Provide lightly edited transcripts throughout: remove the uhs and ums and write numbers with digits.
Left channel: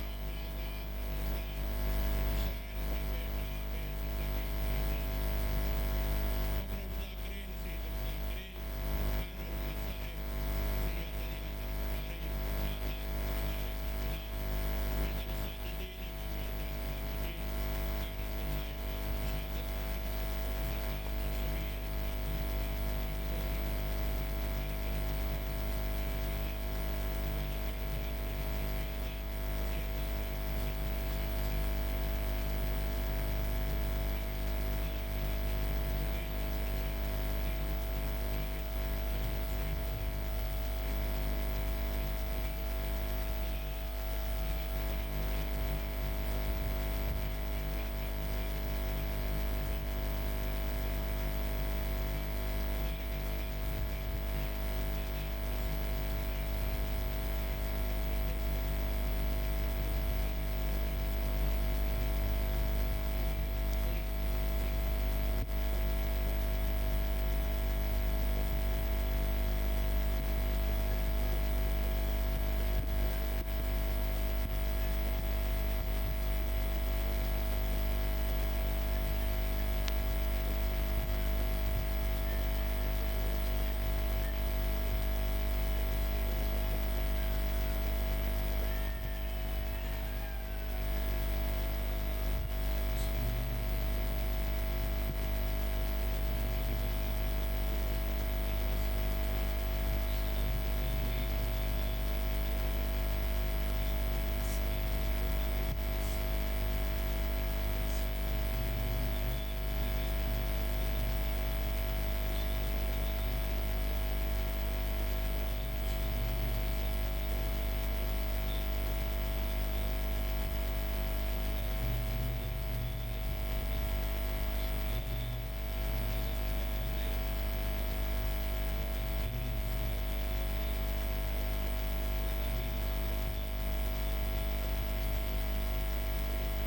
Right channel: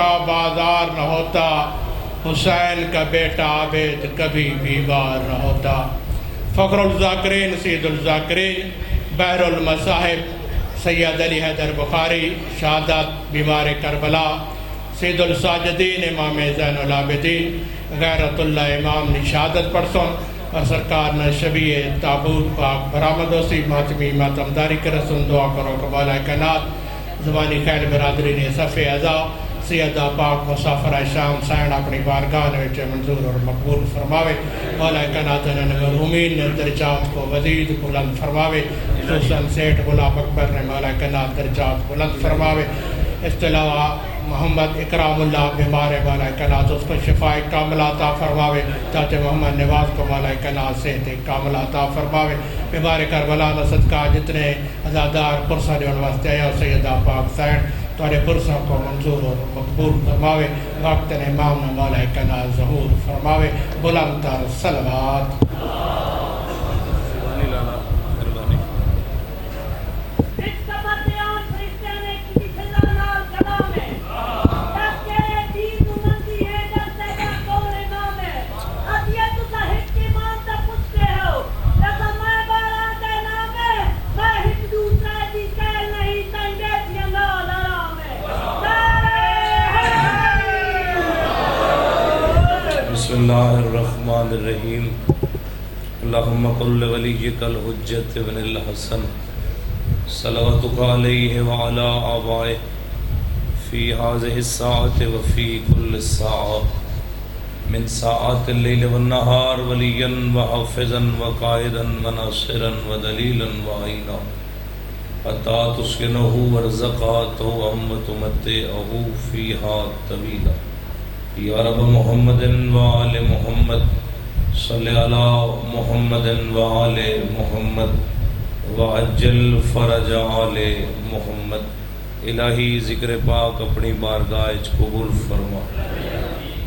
کا بازار نہ ہوتا، حسین کا بیٹا عابد کبھی بیمار نہ ہوتا۔ فخر الذاکرین سید الذاکرین بحر المصاحب سید علی حیدر بخاری شہادت بیمار کربلا سید الساجدین امام زین العابدین غیرت اللہ امام نے شہادت پرسن اور سرکار نے شبیہ تابوت پاک برآمد ہوسی ماتمی ماتمداری کے رسول دعا کرو کبالہ کائنات زبانی خیل برادری نے صف اعضا سیدہ پاک مسافر شام سائن اپنی بارگاہ وچ منظور اور مقبول فرماوے، مولا کائنات نے مرحومین نے درجات کو مزید بلند فرماوے، خصوصاً سیٹھ غلام اکبر نے مولا کائنات درجات بلند فرماوے۔ اس کے علاوہ محمد اکرام اللہ بیمار مولا کائنات اس کو شفاء کاملہ عطا فرماوے، چاچے محمد نواز کو مولا کائنات صحت کاملہ عطا فرماوے۔ بیمار کربلا کا صدقہ جتنے عزادار پرسہ جو واسطے آیا سیدہ پاک سائن تھوڑے پرسوں کو منظور اور مقبول فرماوے، وقت امام نے مولا کائنات ظہور فرماوے۔ بلند تر صلوات۔ بسم اللہ الرحمن الرحیم۔ اللہم قل ولیک الحجت ابن الحسن صلواتک علیہ وعلا آبائہ فی هذه الساعة وفی کل ساعة من ساعات اللیل والنہار ولیا وحافظا وقائدا وناصرا ودلیلا وعینا حتی تسکنہ ورزقاتہ وتمتعہ فیہا طویلا۔ یا رب محمد وآل محمد صلی علی محمد وآل محمد وعجل فرج آل محمد۔ الہی ذکر پاک اپنی بارگاہ قبول فرما۔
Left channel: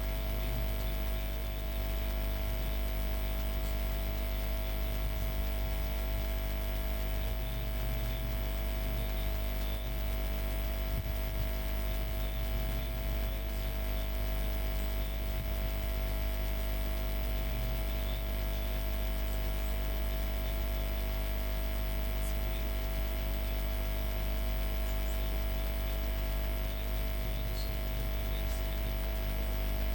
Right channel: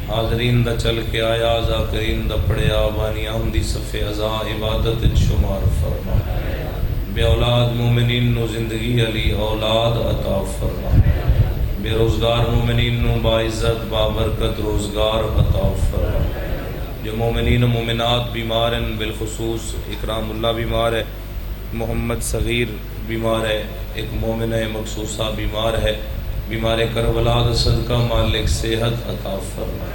حاضرین دا چل کے آیا ذاکرین دا پڑھیا بانی آمدی صف ازا عبادت شمار فرما۔ بے اولاد مومنین نو زندگی علی اولاد عطا فرما۔ بے روزگار مومنین نو باعزت بابرکت روزگار عطا فرما۔ جو مومنین و مومنات بیمار ہیں بالخصوص اکرام اللہ بیمار ہے، محمد صغیر بیمار ہے، ایک مومنہ مخصوصہ بیمار ہے، بیمار کربلا دا صدقہ مالک صحت عطا فرما۔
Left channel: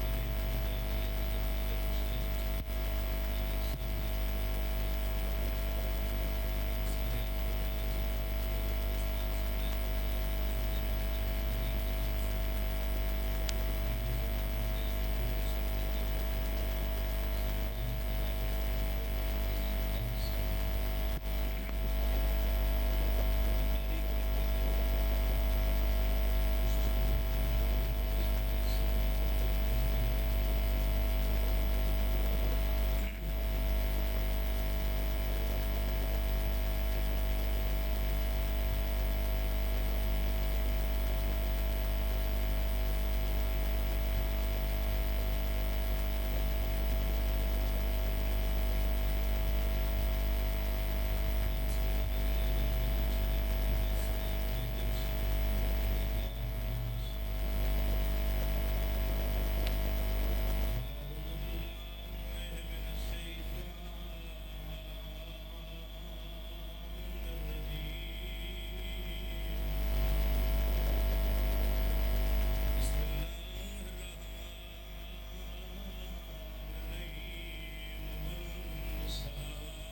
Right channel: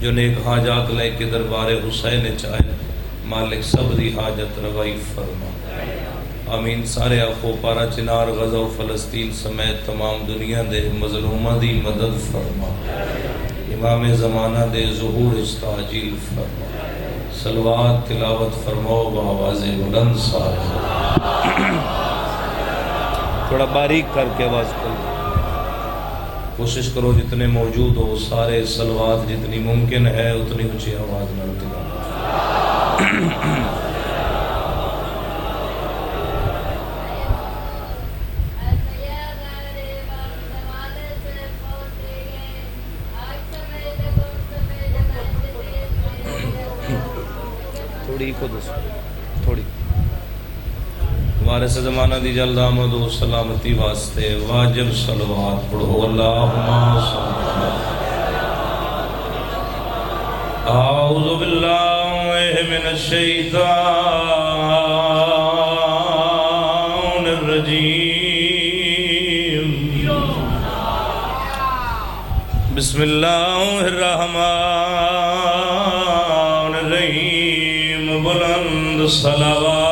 جو نیک حاجات لے کے دربار حسین چاہے مالک سب دی حاجت روائی فرما۔ آمین۔ سارے آخو پارا چنار غزہ و فلسطین سمیت تمام دنیا دے مظلومہ دی مدد فرما۔ امام زمانہ دے ظہور استعجیل فرما۔ صلوات تلاوت فرماؤ بآواز بلند ساتھ۔ تھوڑا باریک کر کے آواز کرو، کوشش کرو جتنے موجود ہو سارے صلوات جتنی ممکن ہے اتنی اونچی آواز میں تلاوت۔ تھوڑی وارث زمانہ دی جلد آمد و سلامتی واسطے واجب صلوات پڑھو۔ اللہم صلی اعوذ باللہ من الشیطان الرجیم۔ بسم اللہ الرحمن الرحیم۔ بلند صلوات۔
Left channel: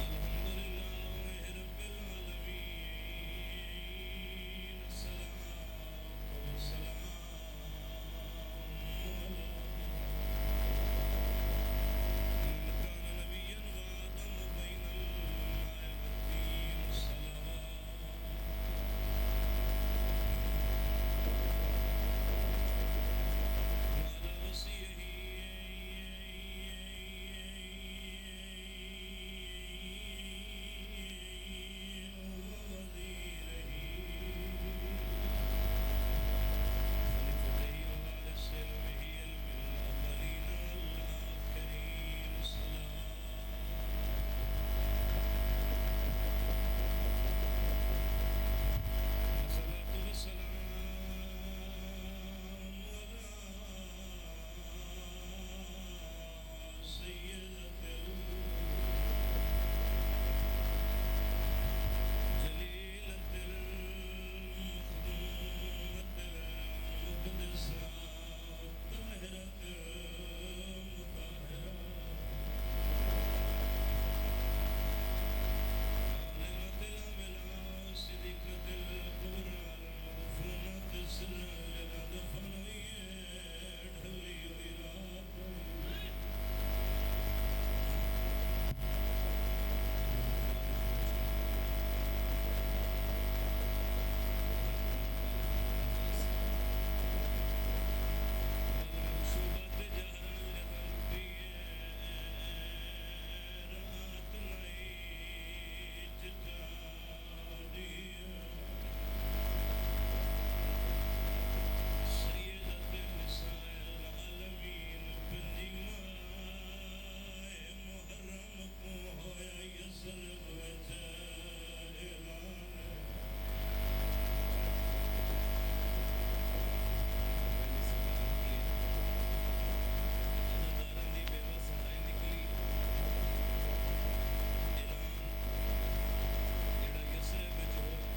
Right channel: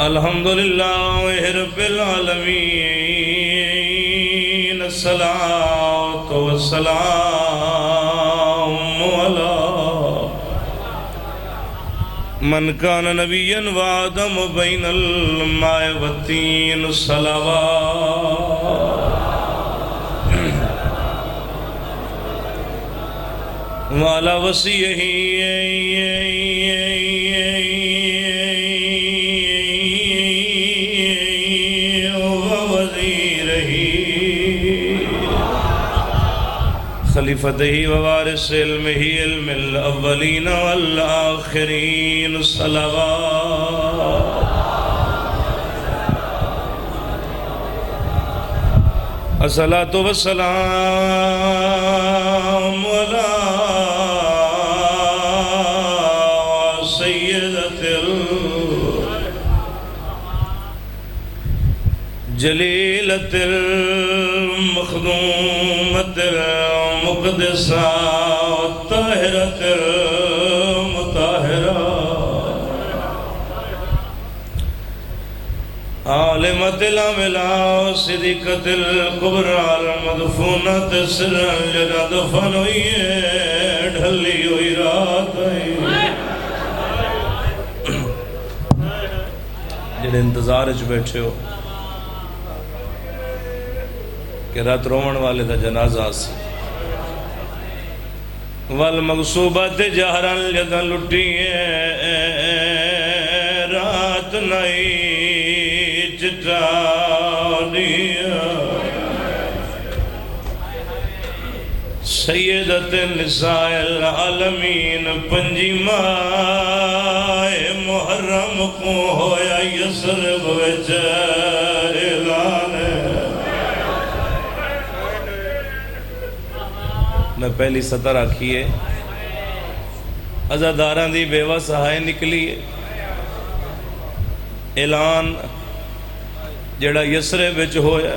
الحمدللہ رب العالمین، الصلاۃ والسلام علی من کان نبیا وآدم بین الماء والطین۔ صلوات وعلی وصیہ خلیفتہ ووارث علمہ علم الاولین والآخرین۔ صلوات الصلاۃ والسلام علی سیدۃ الجلیلۃ المخدومۃ المقدسہ الطاہرۃ المطہرہ عالمۃ العملاء صدیقۃ الکبریٰ المدفونۃ سرا جگہ دفن ہوئی ہے ڈھلی ہوئی رات آئی جڑے انتظار وچ بیٹھے ہو کہ رات رومن والے دا جنازہ سی والمغصوبات جہرن جدن لٹی ہے رات نہیں سیدۃ نساء العالمین پنجی ماہ محرم کو ہویا یسرب وچ اعلان میں پہلی سطر آکھیے عزاداراں دی بیوہ سہائے نکلی اعلان جڑا یسرب وچ ہویا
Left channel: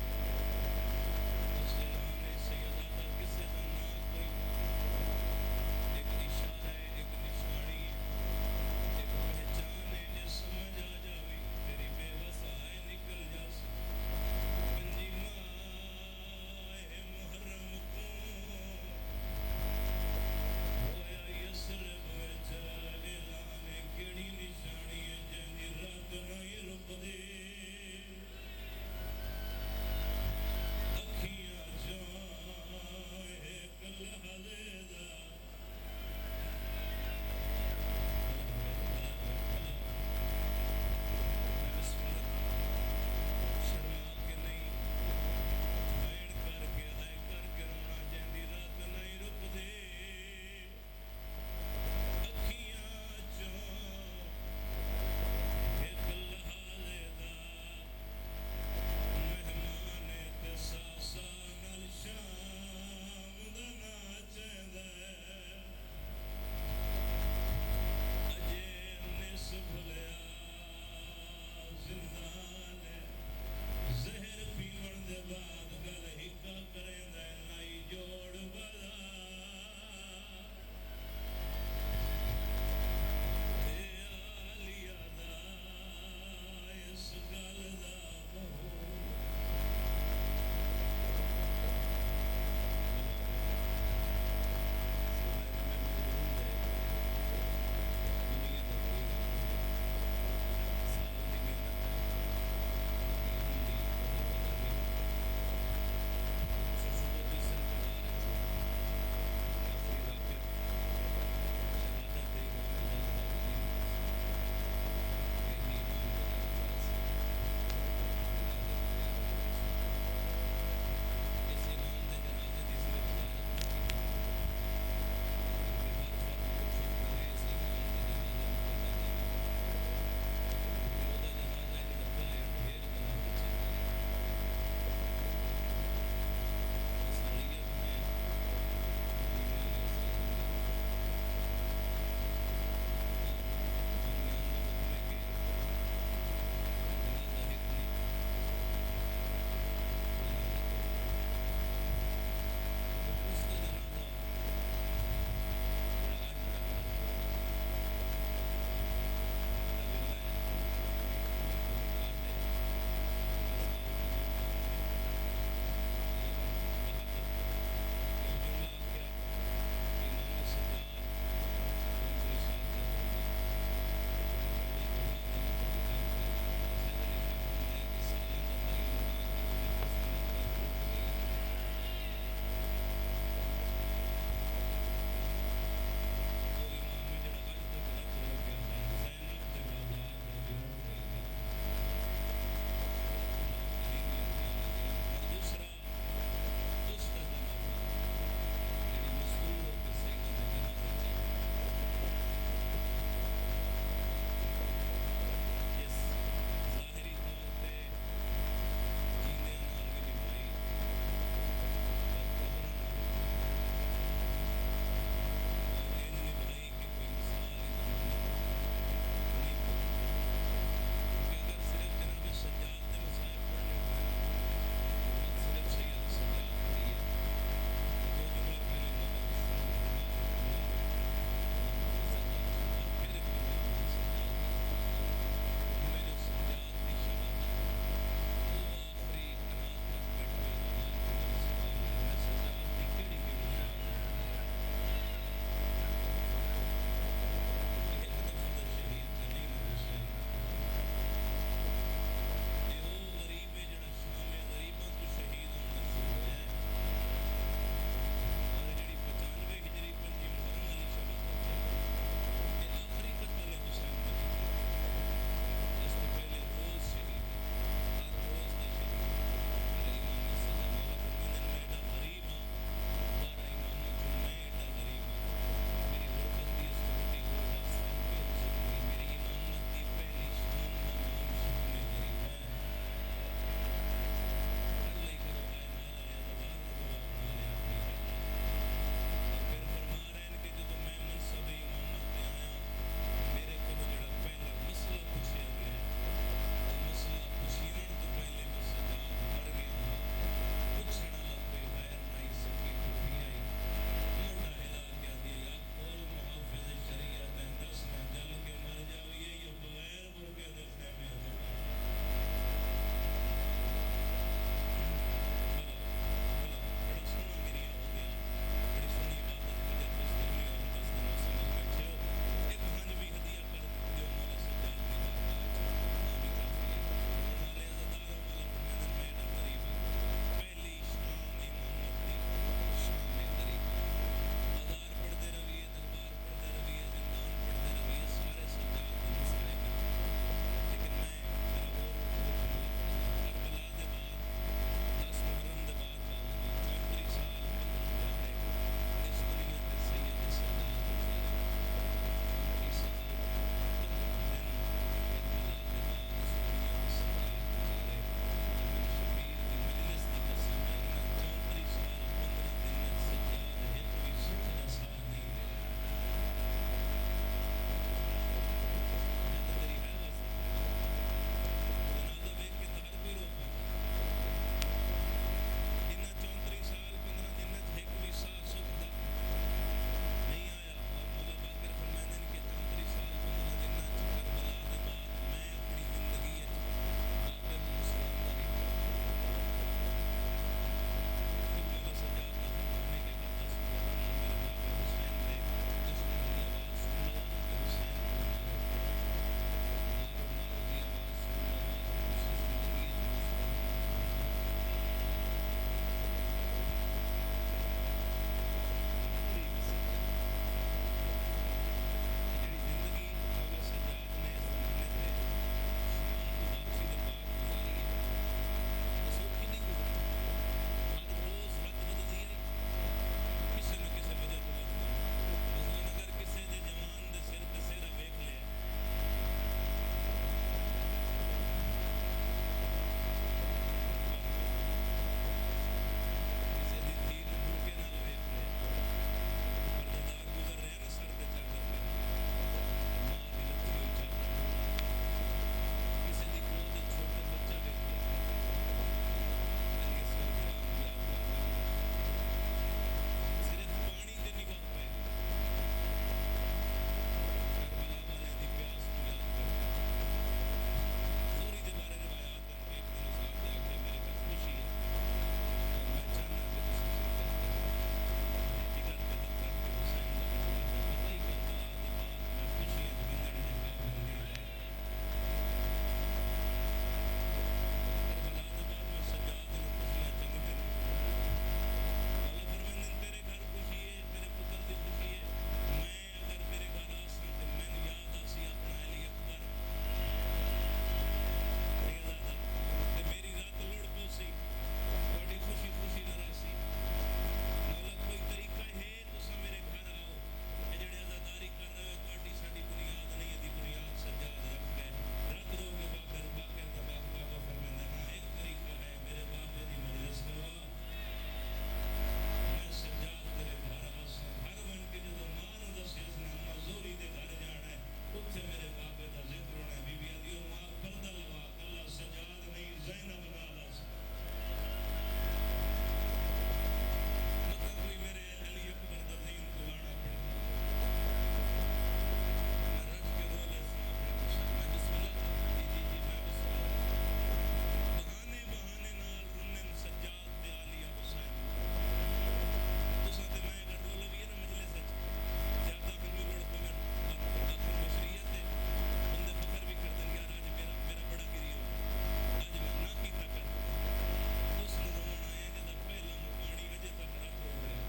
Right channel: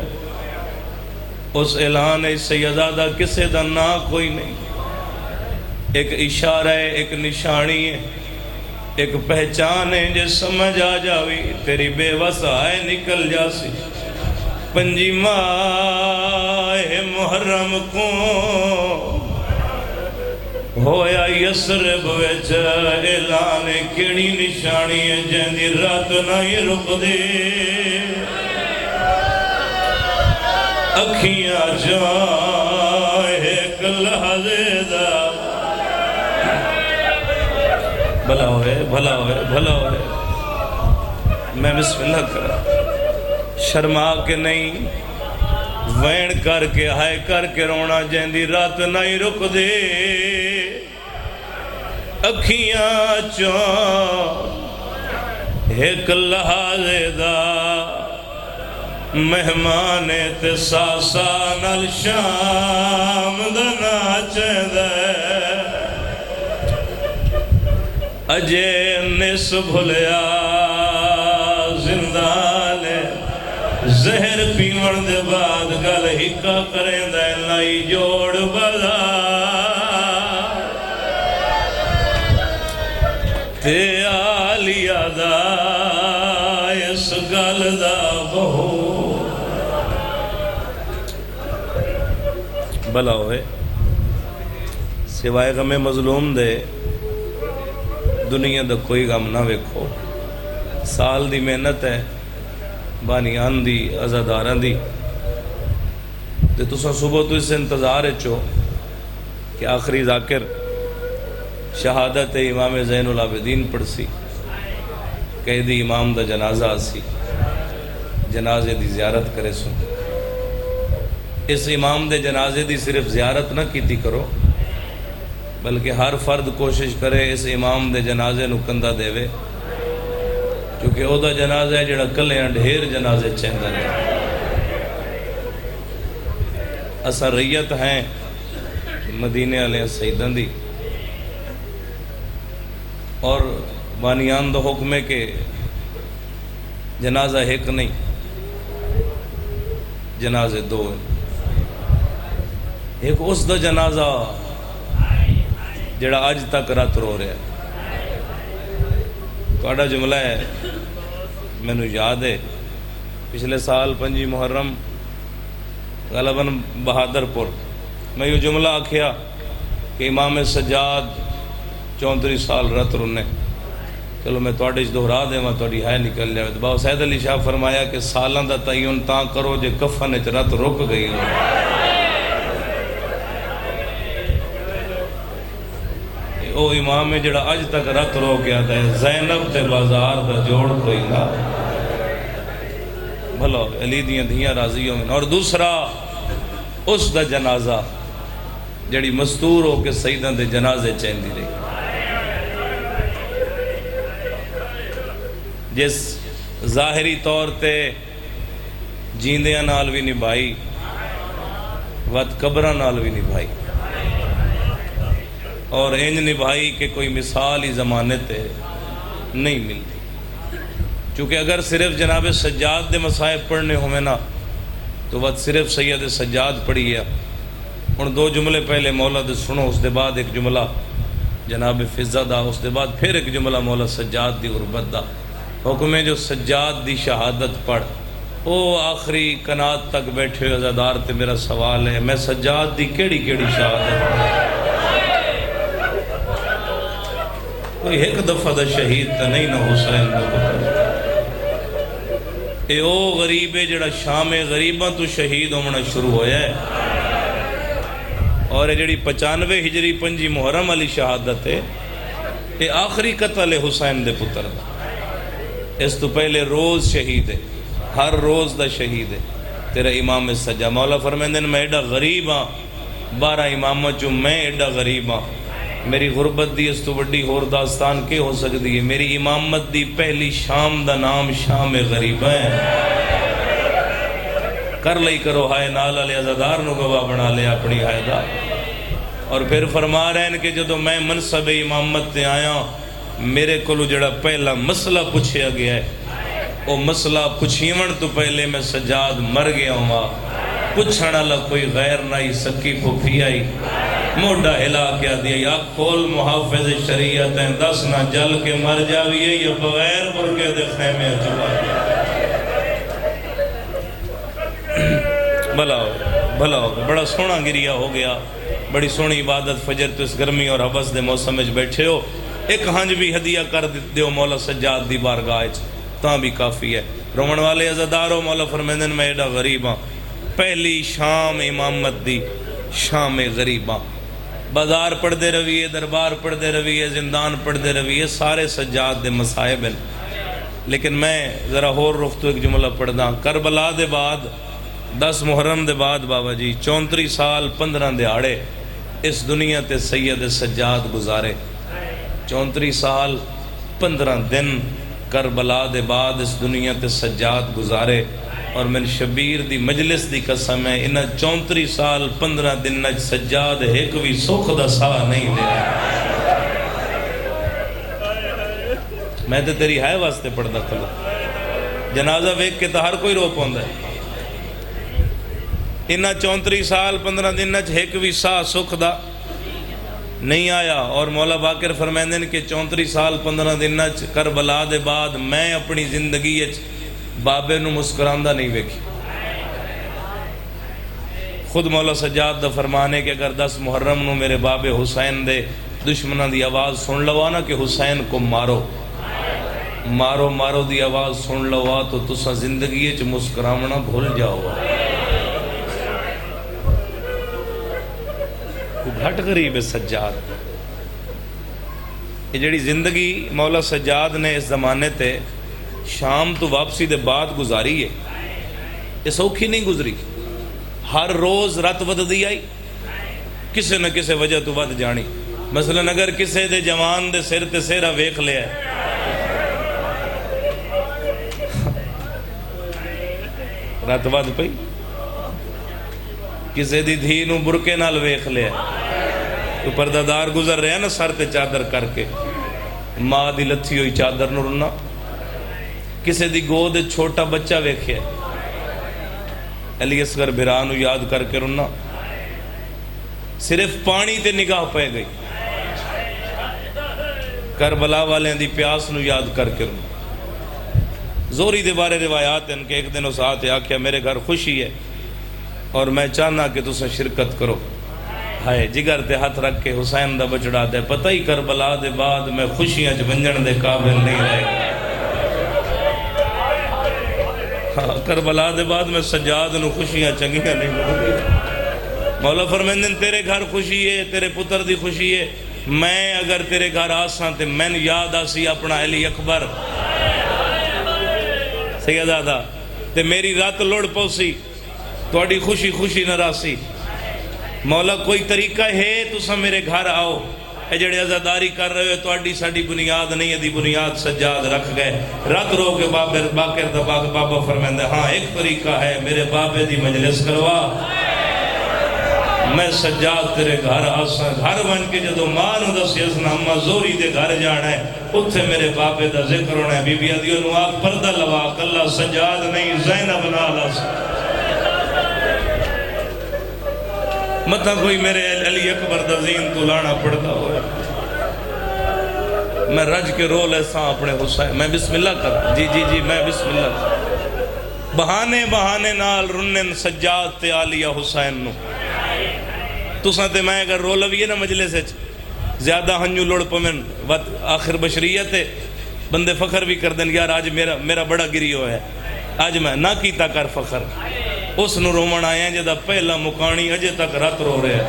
اس اعلان سیدادہ کسے دا نا کوئی نہیں ایک اشارہ ہے ایک نشانی ہے ایک پہچان ہے جے سمجھ آ جاوی تیری بے وسائے نکل جاسی پنجی ماہ محرم کو ہویا یسرب وچ اعلان کیڑی نشانی ہے جیندی رات نہیں رک دے اکھیاں جائے ایک لحظے دا بھلا ہوئے بھلا ہوئے بھلا ہوئے میں بسم اللہ کرا شرما کے نہیں وین کر کے ہائے کر کے رونا جیندی رات نہیں رک دے اکھیاں چاہ ایک لحظے دا مہمان تے ساسا نال شام دا ناچے دے اجے نس بھلیا زندانے زہر پیون دے بعد گل ہکا کریں دے لائی جوڑ بدا تے آلیا دا اس گل دا بہو بھلا ہوئے سوائے غم مظلوم دے دنیا دا کوئی غم نہ ویکھو سال دی محنت ہے بانیان دی عزاداران دی تے تساں صبح تو اس انتظار چو کہ آخری ذاکر شہادت امام زین العابدین پڑھ سی قیدی امام دا جنازہ سی جنازے دی زیارت کرے سو اس امام دے جنازے دی صرف زیارت نہ کیتی کرو بلکہ ہر فرد کوشش کرے اس امام دے جنازے نو کندہ دے وے کیونکہ او دا جنازہ ہے جڑا کلیاں ڈھیر جنازے چہندہ ہے اسا ریت ہیں مدینے علیہ سیدن دی اور بانیان دا حکم ہے کہ جنازہ ایک نہیں جنازے دو ہیں ایک اس دا جنازہ جڑا آج تک رات رو رہا ہے کوڑا جملہ ہے میں نے یاد ہے پچھلے سال 5 محرم غالباً بہادر پور میں یہ جملہ آکھیا کہ امام سجاد 34 سال رات رونے چلو میں توڑے اس دہرا دے میں توڑی ہے نکل جائے باو سید علی شاہ فرمایا کہ سالان دا تعین تاں کرو جے کفن اچ رات رک گئی ہو او امام ہے جڑا آج تک رات رو گیا ہے زینب تے بازار دا جوڑ کوئی نہ بھلا علی دیاں دھیاں راضیوں میں اور دوسرا اس دا جنازہ جڑی مستور ہو کے سیدان دے جنازے چہندی رہی جس ظاہری طور تے جیندیاں نال بھی نبھائی وت قبراں نال بھی نبھائی، اور انج نبھائی کہ کوئی مثال ہی زمانے تے نہیں ملتی۔ چونکہ اگر صرف جناب سجاد دے مصائب پڑھنے ہوئے نا تو وت صرف سید سجاد پڑھی ہے۔ ہن دو جملے پہلے مولا دے سنو، اس دے بعد ایک جملہ جناب فضہ دا، اس دے بعد پھر ایک جملہ مولا سجاد دی غربت دا۔ حکم ہے جو سجاد دی شہادت پڑھ، او آخری کنات تک بیٹھے ہوئے عزادار تے میرا سوال ہے، میں سجاد دی کیڑی کیڑی شہادت پڑھ؟ کوئی ایک دفعہ دا شہید تا نہیں نہ حسین دا پتر۔ اے او غریب ہے جڑا شام غریباں تو شہید ہونا شروع ہویا ہے، اور جڑی 95 ہجری 5 محرم علی شہادت ہے، یہ آخری قتل ہے حسین دے پتر دا۔ اس تو پہلے روز شہید ہے، ہر روز دا شہید ہے تیرا امام سجا۔ مولا فرمیندے میں ایڈا غریب ہاں، 12 امامہ چوں میں ایڈا غریب ہاں، میری غربت دی اس تو بڑی اور داستان کے ہو سکتی ہے؟ میری امامت دی پہلی شام دا نام شام غریبہ ہے۔ کر لئی کرو ہائے نال علی عزادار نو گواہ بنا لے اپنی ہائے دا۔ اور پھر فرما رہے ہیں کہ جدو میں منصب امامت تے آیا، میرے کولو جڑا پہلا مسئلہ پوچھیا گیا ہے، وہ مسئلہ پوچھیون تو پہلے میں سجاد مر گیا ہوں، پوچھنا لگ کوئی غیر نائی سکی پھوپھی آئی، موڈا ہلا کیا دیا، یا کھول محافظ شریعت ہیں، 10 نہ جل کے مر جاویے، یا بغیر برکے دے خیمے چلا گیا۔ بھلا ہو گیا، بڑا سونا گریا ہو گیا، بڑی سونی عبادت فجر تو اس گرمی اور حبس دے موسم میں بیٹھے ہو، ایک ہنج بھی ہدیہ کر دیو مولا سجاد دی بارگاہ تاں بھی کافی ہے۔ رومن والے عزادارو، مولا فرمیندن میں ایڈا غریباں، پہلی شام امامت دی شام غریباں، بازار پڑھ دے رویے، دربار پڑھ دے رویے، زندان پڑھ دے رویے، سارے سجاد دے مصائب ہیں۔ لیکن میں ذرا ہور رخ تو ایک جملہ پڑھ دا، کربلا دے بعد 10 محرم دے بعد بابا جی 34 سال 15 دہاڑے اس دنیا تے سید سجاد گزارے، 34 سال 15 دن کربلا دے بعد اس دنیا تے سجاد گزارے، اور من شبیر دی مجلس دی قسم ہے انہا 34 سال 15 دن نج سجاد ایک بھی سکھ دا ساہ نہیں لے رہا۔ میں تے تیری ہائے واسطے پڑھدا کھلا، جنازہ ویک کے تا ہر کوئی رو پوندا ہے، انہا 34 سال 15 دن نج ایک بھی ساہ سکھ دا نہیں آیا۔ اور مولا باقر فرمیندن کہ 34 سال 15 دن نج کربلا دے بعد میں اپنی زندگی بابے نو مسکراندہ نہیں ویکھی۔ خود مولا سجاد دا فرمانے کہ اگر 10 محرم نو میرے بابے حسین دے دشمنہ دی آواز سن لوا نا کہ حسین کو مارو مارو مارو دی آواز سن لوا تو تسا زندگی چ مسکرامنا بھول جاؤ۔ گھٹ غریب ہے سجاد، یہ جڑی زندگی مولا سجاد نے اس زمانے تے شام تو واپسی دے بعد گزاری ہے، یہ سوکھی نہیں گزری۔ ہر روز رات ود دی آئی، کسے نہ کسے وجہ تو ود جانی۔ مثلا اگر کسے دے جوان دے سر تے سیرہ ویکھ لیا ہے، رات ود پئی، کسے دی دھی نو برکے نال ویکھ لیا ہے، تو پردہ گزر رہے ہیں نا سر تے چادر کر کے، ماں دی لتھی ہوئی چادر نو رنا، کسے دی گود چھوٹا بچہ ویکھے علی اصغر بھرانو یاد کر کے رنا، صرف پانی تے نگاہ پہ گئی، کربلا والے دی پیاس نو یاد کر کے رنا۔ زوری دے بارے روایات ہیں کہ ایک دن اس آتے آکھیا میرے گھر خوشی ہے اور میں چاہنا کہ تسا شرکت کرو، ہائے جگر تے ہاتھ رکھ کے حسین دا بچڑا دے، پتہ ہی کربلا دے بعد میں خوشیاں ونجن دے قابل نہیں رہے گا۔ کربلا دے بعد میں سجاد نو خوشیاں چنگیاں نہیں ملیں۔ مولا فرمیندن تیرے گھر خوشی ہے، تیرے پتر دی خوشی ہے، میں اگر تیرے گھر آساں تے میں یاد آسی اپنا علی اکبر سیدادہ تے میری رات لوڑ پوسی توڑی خوشی خوشی نہ راسی۔ مولا کوئی طریقہ ہے تسا میرے گھر آؤ، اے جڑے عزاداری کر رہے ہوئے توڑی ساڑی بنیاد نہیں ہے، دی بنیاد سجاد رکھ گئے، رات رو کے باقر دا بابا فرمیندے ہاں ایک طریقہ ہے، میرے بابے دی مجلس کروا، میں سجاد تیرے گھر آساں گھر بن کے جدو ماں نو دسی اسنا اما زوری دے گھر جانا ہے اتھے میرے بابے دا ذکر ہونا ہے بی بی آدیو نو آپ پردہ لوا کلا سجاد نہیں زینب نالا مطلب کوئی میرے علی اکبر دا زین تو لانا پڑتا ہوئے میں رج کے رو لیسا اپنے حسین میں بسم اللہ کر جی میں بسم اللہ کر بہانے نال رنن سجاد تے آلیہ حسین نو تُساں تے میں اگر رو لویے نا مجلے سے زیادہ ہنجو لوڑ پمن آخر بشریت ہے بندے فخر بھی کر دیں یار آج میرا بڑا گریو ہے آج میں نہ کیتا کر فخر اس نو رومن آیا جدہ پہلا مکانی اجے تک رات رو رہے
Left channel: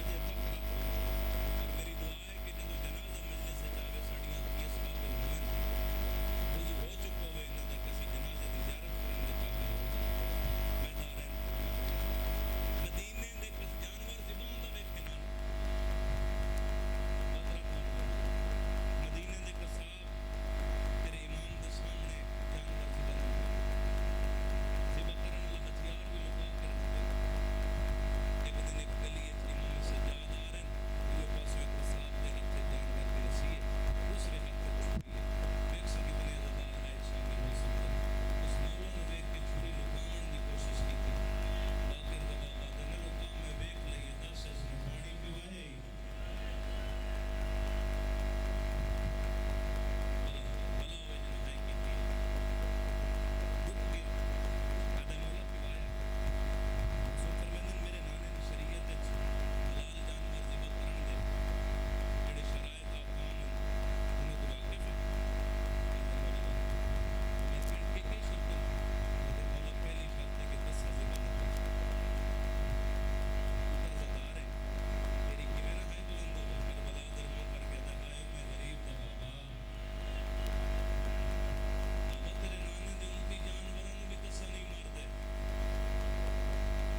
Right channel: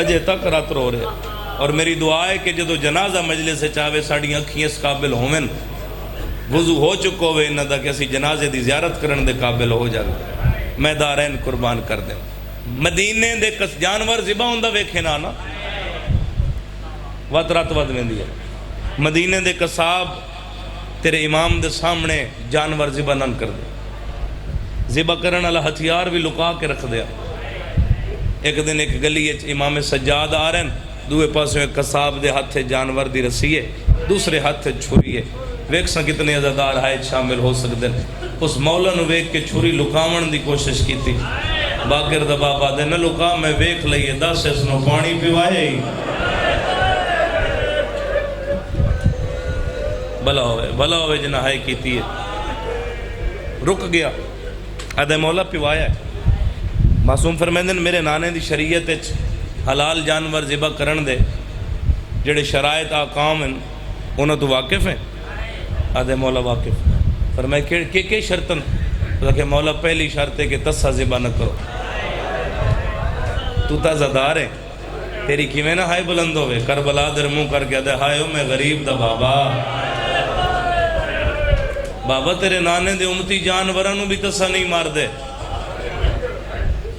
اجے تک رات رو رہے اور میری دعا ہے کہ جدو جنازہ مجلے سے چاہوے ساڑی اکھیں اس قابل ہومن وضو ہو چکو ہوئے انہاں دا کہ اسی جنازے دی زیارت کرن دے قابل ہو جائے میں دارین قربان کر دیں مدینے دے کس جانور ذبح ہوندہ ویکھے نا وات رات ود ویندی ہے مدینے دے قصاب تیرے امام دے سامنے جانور ذبح نہ کر دے ذبح کرن والا ہتھیار بھی لکا کے رکھ دیا ایک دن ایک گلی امام سجاد آ رہے ہیں دوے پاسوں ایک قصاب دے ہاتھ جانور دی رسی ہے دوسرے ہاتھ چھری ہے ویک سا کتنے عزادار ہائے شامل ہو سکتے ہیں اس مولا نو ویک کے چھری لکاون دی کوشش کی تھی باقر دبابا دے نہ لکا میں ویک لئیے 10 اس نو پانی پیوائے ہی بھلا ہوئے جنہ ہائے کی تھی رک گیا ادھے مولا پیوایا ہے معصوم فرمیندن میرے نانے دی شریعت حلال جانور ذبح کرن دے جڑے شرائط آقام ہیں انہوں تو واقف ہیں آدھے مولا واقف فرمائے کہ شرطن کہ مولا پہلی شرط ہے کہ تسا ذبح نہ کرو تو تازہ دار ہے تیری کیویں نہ ہائے بلند ہوئے کربلا در منہ کر کے دے ہائے میں غریب دا بابا تیرے نانے دے امتی جانورانو بھی تسا نہیں مار دے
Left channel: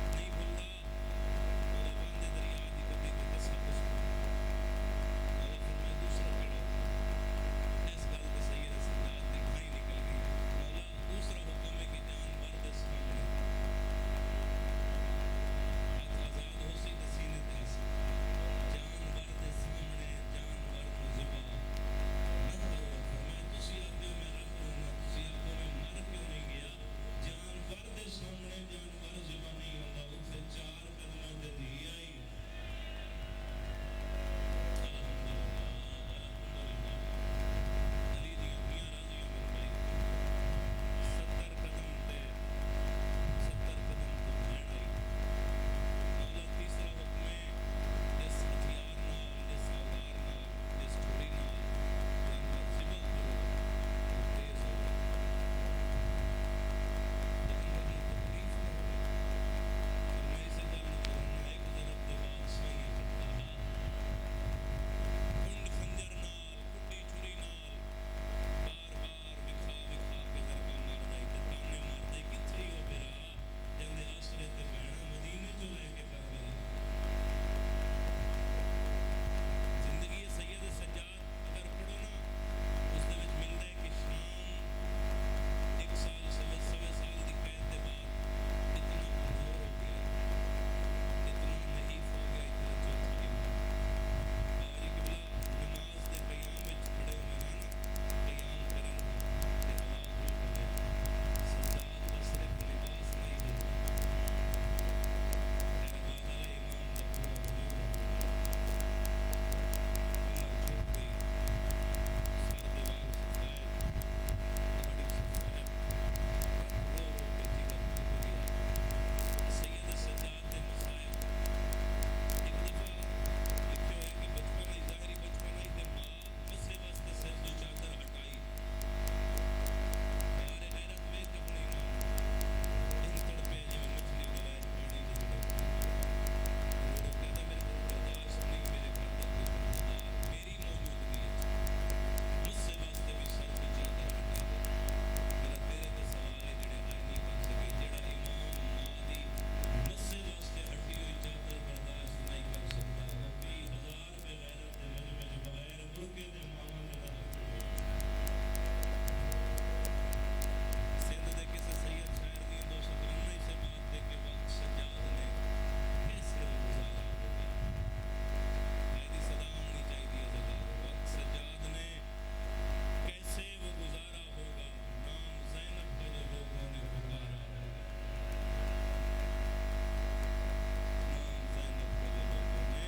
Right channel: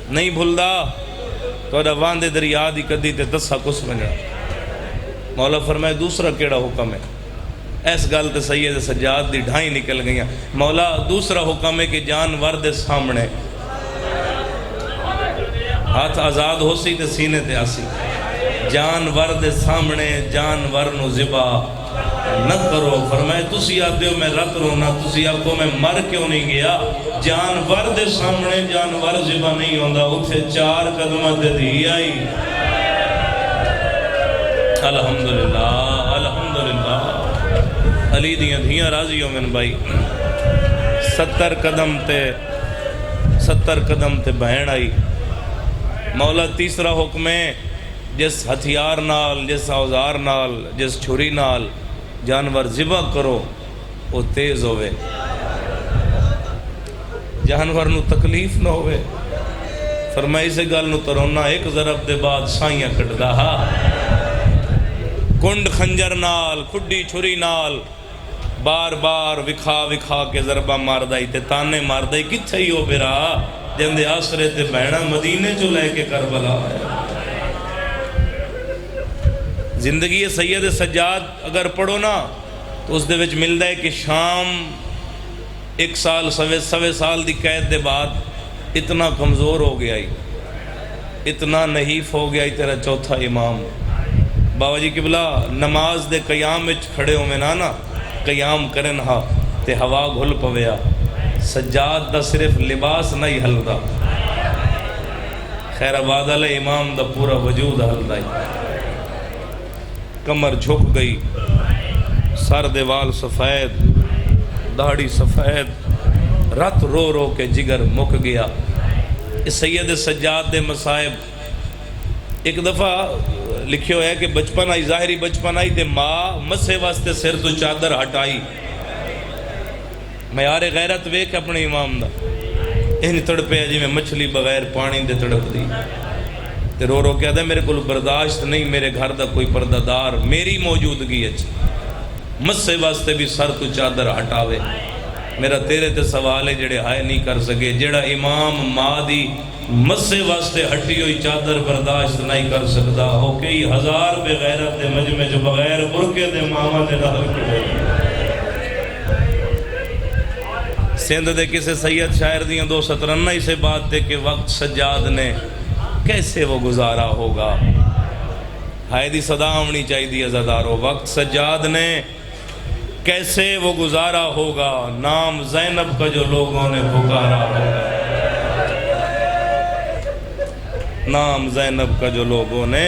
نہیں بھلدا تو روان دے دریا دی کدی تے تسا کس بنیا مولا فرمائے دوسرا کیڑا حکم ہے ایس گل تے سید سجاد دی ڈھائی نکل گئیاں مولا دوسرا حکم ہے کہ جانور دے سامنے ہاتھ آزاد ہو سی تے سینے تے آسی جانور دے سامنے جانور نو ذبح نہ کرو فرمائے تسی آتے ہو میں رت رونا تسی آپ کو میں مر کیوں نہیں گیا جانور دے سامنے جانور ذبح نہیں ہوندہ اتھے 4 قدمہ دے دی آئی الحمدللہ الحمدللہ علی دیاں دھیاں راضی ہو من بھائی 70 قدم تے بہن آئی مولا تیسرا حکم ہے جس ہتھیار نال جس اوزار نال جس چھری نال جانور ذبح کرو وہ تیز ہوئے جانور نو تکلیف نہ ہوئے فرمائی سے گل نو ترونا ایک ضرب دے بعد سائیاں کٹ دا کنڈ خنجر نال کھڈی چھری نال بار بار وکھا کے ضربہ مار دائی تے تانے مار دائی کتھے ہی ہو برا جندے آسرے تے بہنا مدینے جو لے کے کربلا ہے زندگی سید سجاد اگر پڑھو نا تو اس دے وچ ملدا ہے کہ شام 1 سال سوے سال دی قید دے بعد اتنا کمزور ہو گیا ہی اتنا نحیف ہو گیا ہی تیرا چوتھا امام بابا جی قبلہ نماز دے قیام وچ کھڑے ہو میں نا قیام کرن ہا تے ہوا گھل پویا سجاد دا صرف لباس نہیں ہلدا خیر آباد علیہ امام دا پورا وجود ہلدا ہی کمر جھک گئی سر دے وال سفید داڑھی سفید رت رو رو کے جگر مک گیا اس سید سجاد دے مصائب ایک دفعہ لکھیو ہے کہ بچپن آئی ظاہری بچپن آئی تے ماں مسے واسطے سر تو چادر ہٹائی معیار غیرت ویک اپنے امام دا ان تڑپے جی میں مچھلی بغیر پانی دے تڑپ دی تے رو رو کہتا ہے میرے کو برداشت نہیں میرے گھر دا کوئی پردہ دار میری موجودگی اچھی مسے واسطے بھی سر تو چادر ہٹاوے میرا تیرے تے سوال ہے جڑے ہائے نہیں کر سکے جڑا امام ماں دی مسے واسطے ہٹی ہوئی چادر برداشت نہیں کر سکتا ہو کئی ہزار بے غیرت دے مجمع جو بغیر برکے دے ماما دے نال کے سندھ دے کسے سید شاعر دیاں دو سطرنہ ہی سے بات تھے کہ وقت سجاد نے کیسے وہ گزارا ہوگا. ہائے دی صدا ہونی چاہیے دی عزادارو. وقت سجاد نے کیسے وہ گزارا ہوگا, نام زینب کا جو لوگوں نے پکارا ہوگا. نام زینب کا جو لوگوں نے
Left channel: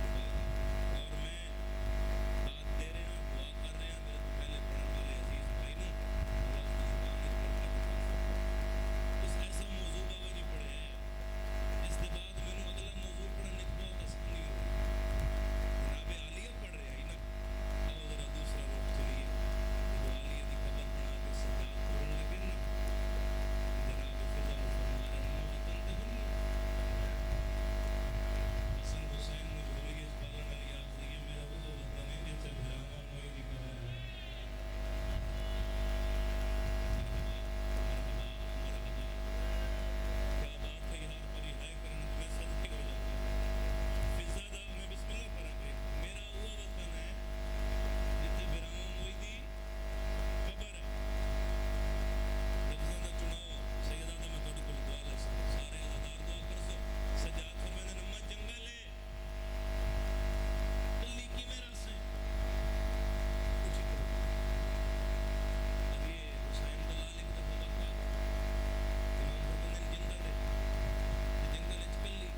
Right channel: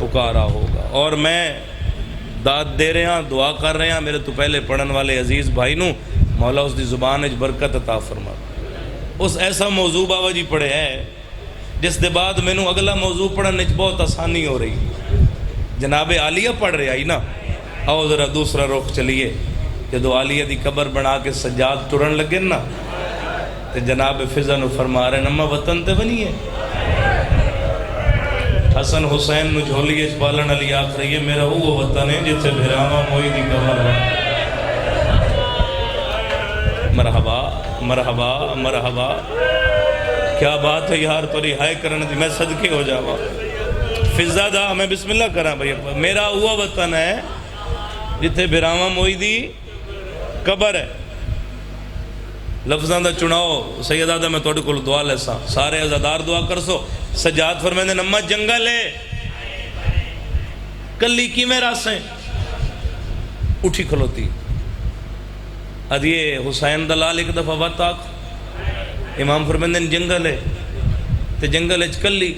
پکارا ہوگا. اور میں داد دے رہے ہیں, دعا کر رہے ہیں میرے تو پہلے پڑھن والے عزیز بھائی نو, مولا اس دی زبان اچ برکت عطا فرما. اس ایسا موضوع بابا جی پڑھے ہے جس دے بعد میں نو اگلا موضوع پڑھنے بہت آسانی ہو رہی. جناب عالیہ پڑھ رہے آئی نا, آؤ ذرا دوسرا رخ چلیے. جدو عالیہ دی قبر بنا کے سجاد ٹرن لگے نا تے جناب فضا نو فرما رہے نما وطن تے بنی ہے. حسن حسین نو جھولی اچ پالن علی آخ رہی ہے میرا وہ وطن ہے جتھے بھراواں موئی دی قبر ہے. مرحبا مرحبا مرحبا, کیا بات ہے یار توری ہائے کرن دی, میں صدقے ہو جاواں. فضا دا میں بسم اللہ کراں بھائی, میرا وہ وطن ہے جتھے بھراواں موئی دی قبر ہے. لفظاں دا چناؤ سیدہ دا میں توڑے کل دعا لے سا, سارے عزادار دعا کر سو. سجاد فرمیندے نمہ جنگل ہے کلی کی میں راسیں اٹھی کھلوتی. ادھیے حسین دلال ایک دفعہ بات آکھ, امام فرمیندے جنگل ہے تے جنگل اچ کلی.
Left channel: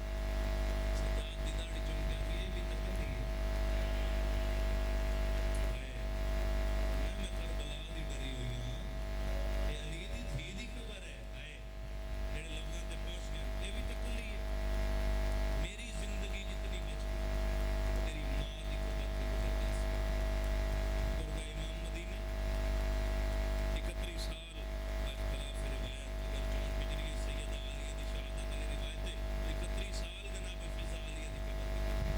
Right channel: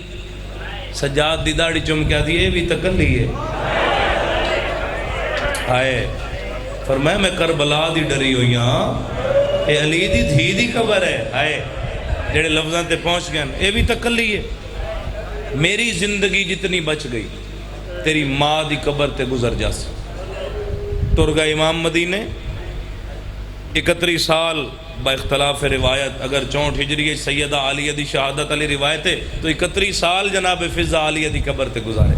سجاد دی داڑھی چم کے آدھی بھی تا کلی ہے. آئے فرمایا میں کربلا دی ڈری ہوئی ہاں, اے علی دی دھی دی قبر ہے. آئے جڑے لفظاں تے پہنچ گئے اے بھی تا کلی ہے. میری زندگی جتنی بچ گئی تیری ماں دی قبر تے گزر جاسی. ترگا امام مدینے 31 سال با اختلاف روایت, اگر 64 ہجری سیدہ عالیہ دی شہادت علی روایت ہے تو 31 سال جناب فضا عالیہ دی قبر تے گزارے.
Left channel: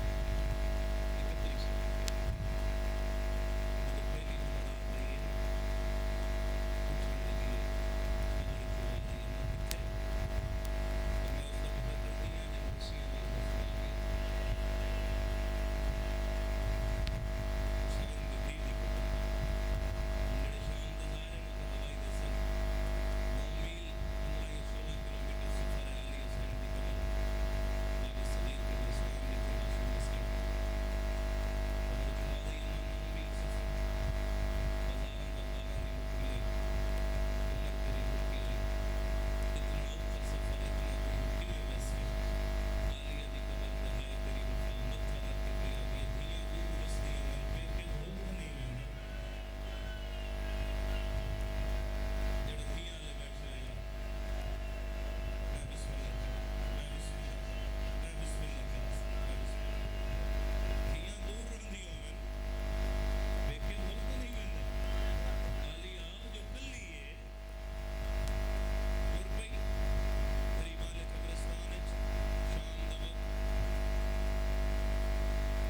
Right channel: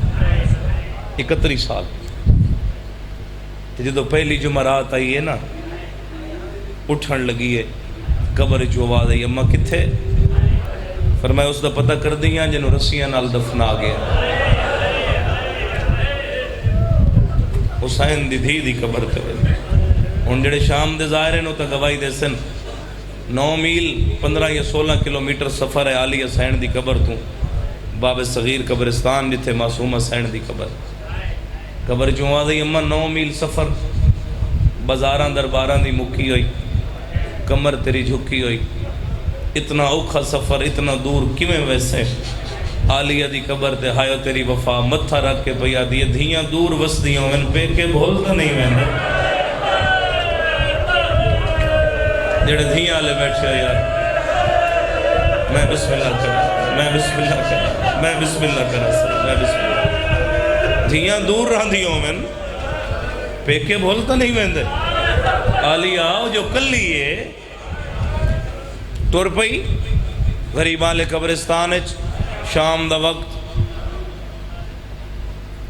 31 سال. جدو پہلی جمعرات آئی ہے نا اٹھن لگی ہے, قبر چو آواز آئی اماں کتھے؟ فرمایا اس دا پتہ کر دیاں جنہوں رسیاں نال دفنا گیا. حسین دی دھی دی قبر تے ان جڑے شام دے ظاہرے نو تا گواہی دے سن. 9 میل 15 یا 16 کلومیٹر سفر ہے علی حسین دی قبر تو باب صغیر قبرستان جتھے معصوم حسین دی قبر. قبر چوں آ گئی اماں 9 میل سفر, بازاراں درباراں دی مکی ہوئی, کمر تیری جھکی ہوئی. اتنا اوکھا سفر اتنا دور کیویں ویسے عالیہ دی قبر تے ہایو تیری وفا متھا رکھ کے پیا دی دھیاں دور وسدیاں میں پے کے بھولتا نہیں ویندے. جڑے دھیاں لے بیٹھے یار میں بسم اللہ کرا, میں بسم اللہ کرا, میں بسم اللہ کرا سر, میں بسم اللہ. دھیاں دور رہندیوں میں پے کے بھولتا نہیں ویندے. عالیہ جو کلی ہے ٹر پئی غریبان لے قبرستان شام دا وقت,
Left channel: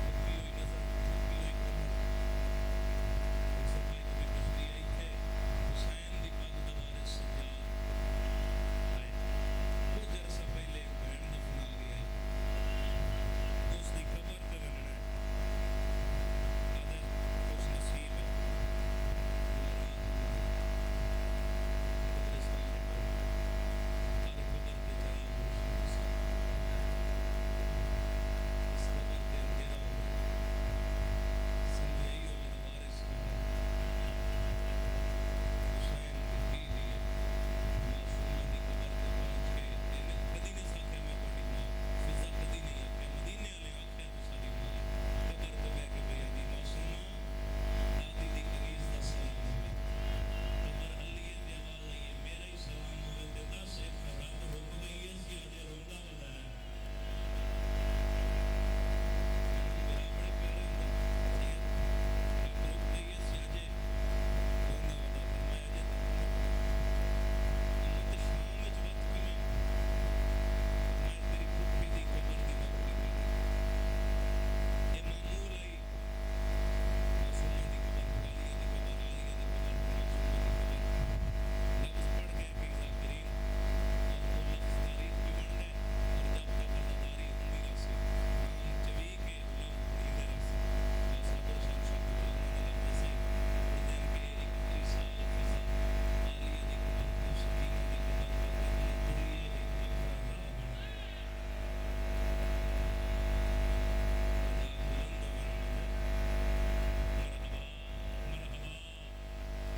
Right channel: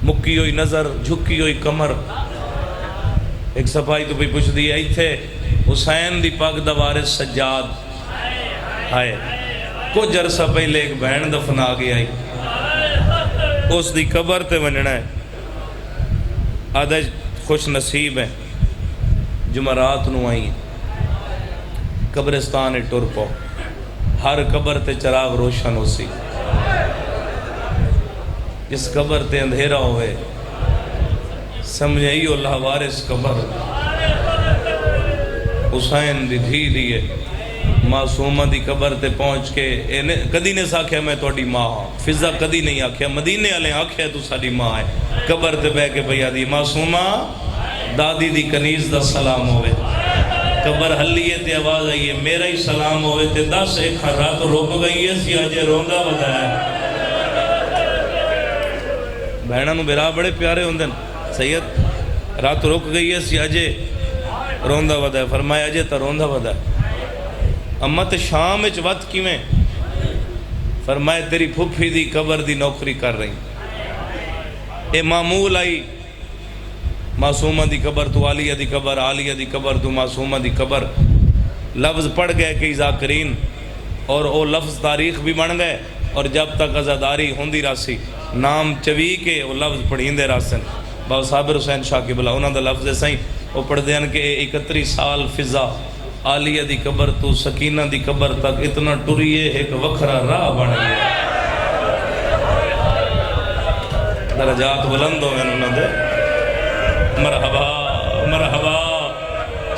مکی ہوئی نظر جھکی ہوئی کمر. ایک صفائی تو بھی پوچھ دی ایتھے حسین دی پاک دا وارث سجاد آئے, کچھ عرصہ پہلے ایک بہن دفنا گیا آئی, اس دی قبر تے وننا ہے. آدھا خوش نصیب ہے جمعرات نو آئی قبرستان ٹر پو, ہر قبر تے چراغ روشن ہو سی. جس قبر تے اندھیرا ہوئے سمجھے ہی اللہ وارث قبر حسین دی دھی دیئے. معصومہ دی قبر تے پہنچ کے کدی نے ساکھیا میں توڑی ماں ہاں, فضا کدی نہیں آکھیا, مدینے والے آکھیا تو ساری ماں ہے. قبر تے بہ کے بھیا دی معصومہ دادی دی کنیز دا سلام ہوئے. قبر حلیے تے آواز آئیے میرا ہی سلام ہوئے تے 10 ایک رات روک گئی ہے سی آجے روندہ بتایا. بہنہ نو بیرا بڑے پیارے ہوندن. سید رات روک گئی ہے سی آجے روندہ بتایا. فرمایا آجے تا روندہ بتایا. اماں تے شام اچ وقت کی میں فرمایا تیری پھپھی دی قبر دی نوکری کر رہی. اے معمول آئی معصومہ دی قبر تو عالیہ دی قبر, عالیہ دی قبر تو معصومہ دی قبر. لفظ پڑھ گئے کئی ذاکرین اور او لفظ تاریخ بھی بن گئے, اور جب تک عزاداری ہوندی راسی نام چوی کے وہ لفظ پڑھیندے راسن. بابا صابر حسین شاہ قبلہ انہاں دا لفظ سائیں وہ پڑھ دین کہ 31 سال فضا عالیہ دی قبر تو سکینہ دی قبر تک اتنا ٹریے ایک وکھرا راہ بن گیا. درجات بلند ہو گئے انہوں دے. مرحبا مرحبا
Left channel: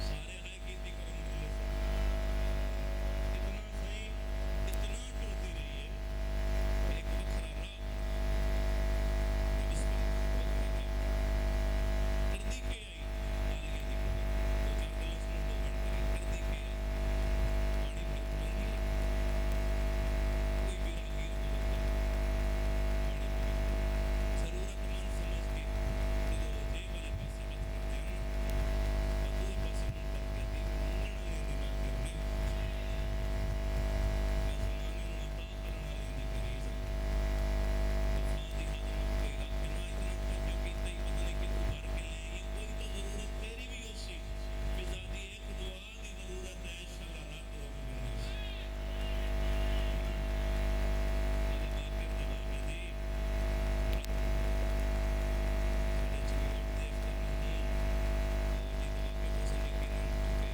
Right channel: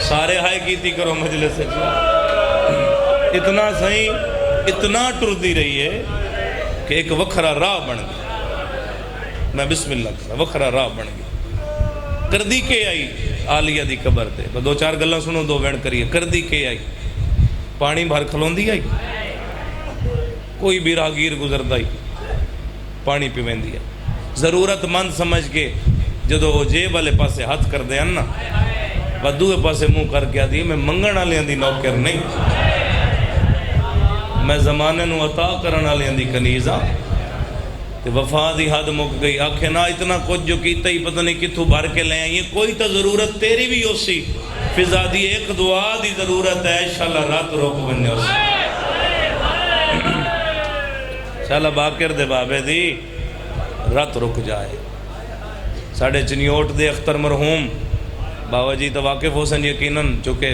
سارے ہائے کیتی کرو مجلس سے. اتنا صحیح اتنا ٹردی رہی ہے کہ ایک وکھرا راہ بن گیا. میں بسم اللہ کرا وکھرا راہ بن گیا. کردی کے آئی عالیہ دی قبر تے. دو چار گلاں سنو دو وین کریے. کردی کے آئی پانی بھر کھلوندی آئی. کوئی بھی راہگیر گزردا ہی پانی پیوندی ہے. ضرورت مند سمجھ کے جدو وہ جیب والے پاسے ہاتھ کر دے نا بدوے پاسے منہ کر کے آدھی میں منگن والے دی نوکر نہیں, میں زمانے نو عطا کرن والے دی کنیز ہاں. تے وفا دی حد مک گئی. آکھے نا اتنا کچھ جو کیتا ہی پتہ نہیں کتھوں بھر کے لے آئی. کوئی تو ضرورت تیری بھی ہو سی. فضا دی ایک دعا دی ضرورت ہے. انشاءاللہ رات روک بننے ہو سی. انشاءاللہ باکر دے بابے دی رات رک جائے. ساڑھے چنیوٹ دے اختر مرحوم بابا جی تو واقف ہو سن یقیناً چونکہ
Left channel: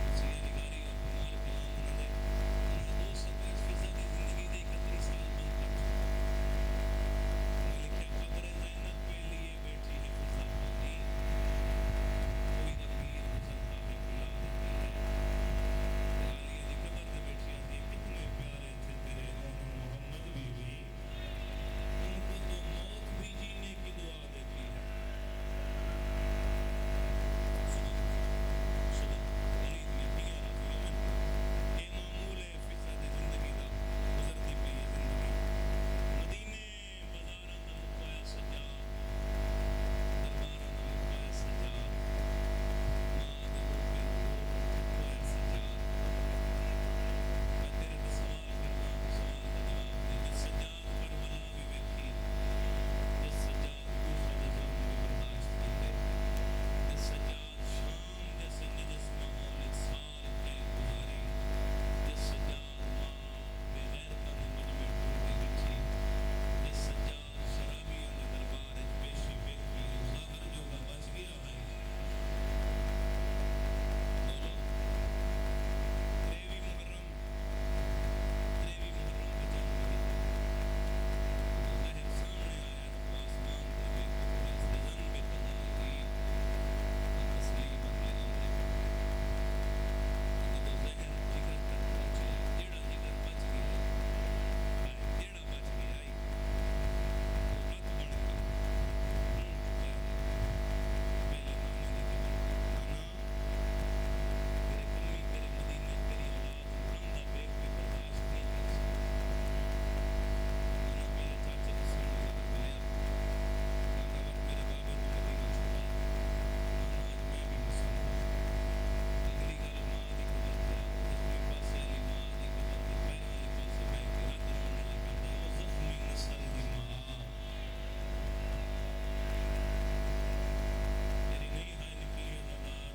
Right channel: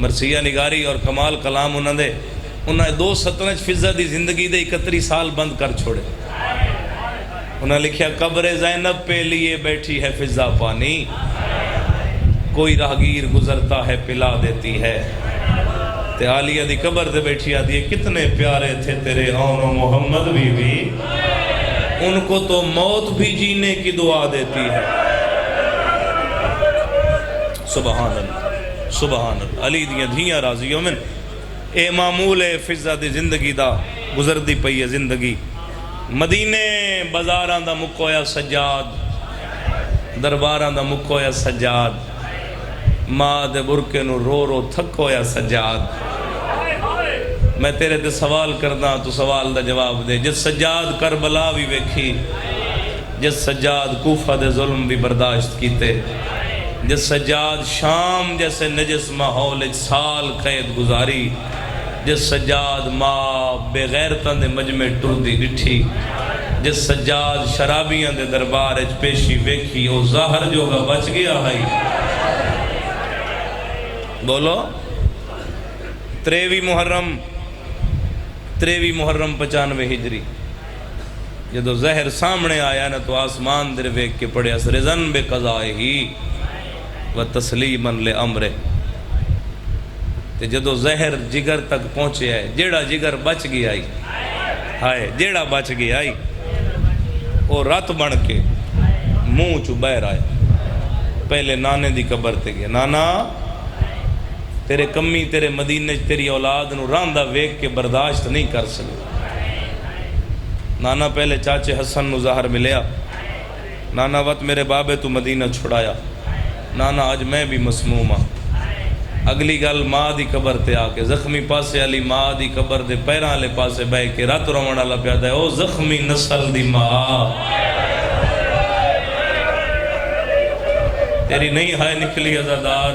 مرثیہ نگاری اور کمال کلام انہوں نے 2 فضا دی زندگی دے 31 سال بند کر چھوڑے. انہوں نے لکھیا قبر زینب پہ لیے بیٹھی ہے فضا پانی, کوئی راہگیر گزرتا ہے پلا دیتی ہے. تے عالیہ دی قبر دے بیٹھی آدھی ہے کتنے پیارے تھے تیرے آن و محمد بی بی, ان کو تو موت بھی جینے کی دعا دیتی ہے. سبحان اللہ سبحان اللہ. علی دیاں دھیاں راضیوں میں اے معمول فضا دی زندگی دا گزر دی پئی ہے زندگی. مدینے بازاراں دا مکویا سجاد, درباراں دا مکویا سجاد, ماں دے برکے نو رو رو تھکویا سجاد. میں تیرے تے سوال کرنا تو سوال دا جواب دے. جس سجاد کربلا بھی ویکھی, جس سجاد کوفہ دے ظلم بھی برداشت کیتے, جس سجاد شام جیسے نجس ماحول سال قید گزاری, جس سجاد ماں بے غیرتاں دے مجمع ٹردی ڈٹھی, جس سجاد شرابیاں دے دربار اچ پیشی ویکھی, او ظاہر جو گا بچ گیا ہے. بولو 23 محرم 95 ہجری جدو زہر سامنے آیا نا تو آسمان در ویک کے پڑھیا رضن بے قضائے ہی و تسلیماً لے امرے. جدو زہر جگر تک پہنچے آئے, جیڑا جگر بچ گیا آئی ہائے, جیڑا بچ گیا آئی وہ رات بن کے منہ چو بہر آئے. پہلے نانے دی قبر تے گیا. نانا تیرے کمی تیرے مدینے تیری اولاد نو راندہ ویک کے برداشت نہیں کر سکے. نانا پہلے چاچے حسن نو ظاہر ملیا. نانا وقت میرے بابے تو مدینہ چھڑایا. نانا آج میں بھی مسموم ہاں. اگلی گل ماں دی قبر تے آ کے زخمی پاسے علی ماں دی قبر دے پیراں لے پاسے بہ کے رات روان والا پیادا ہے. او زخمی نسل دی ماں تیری نہیں ہائے نکلی عزادار,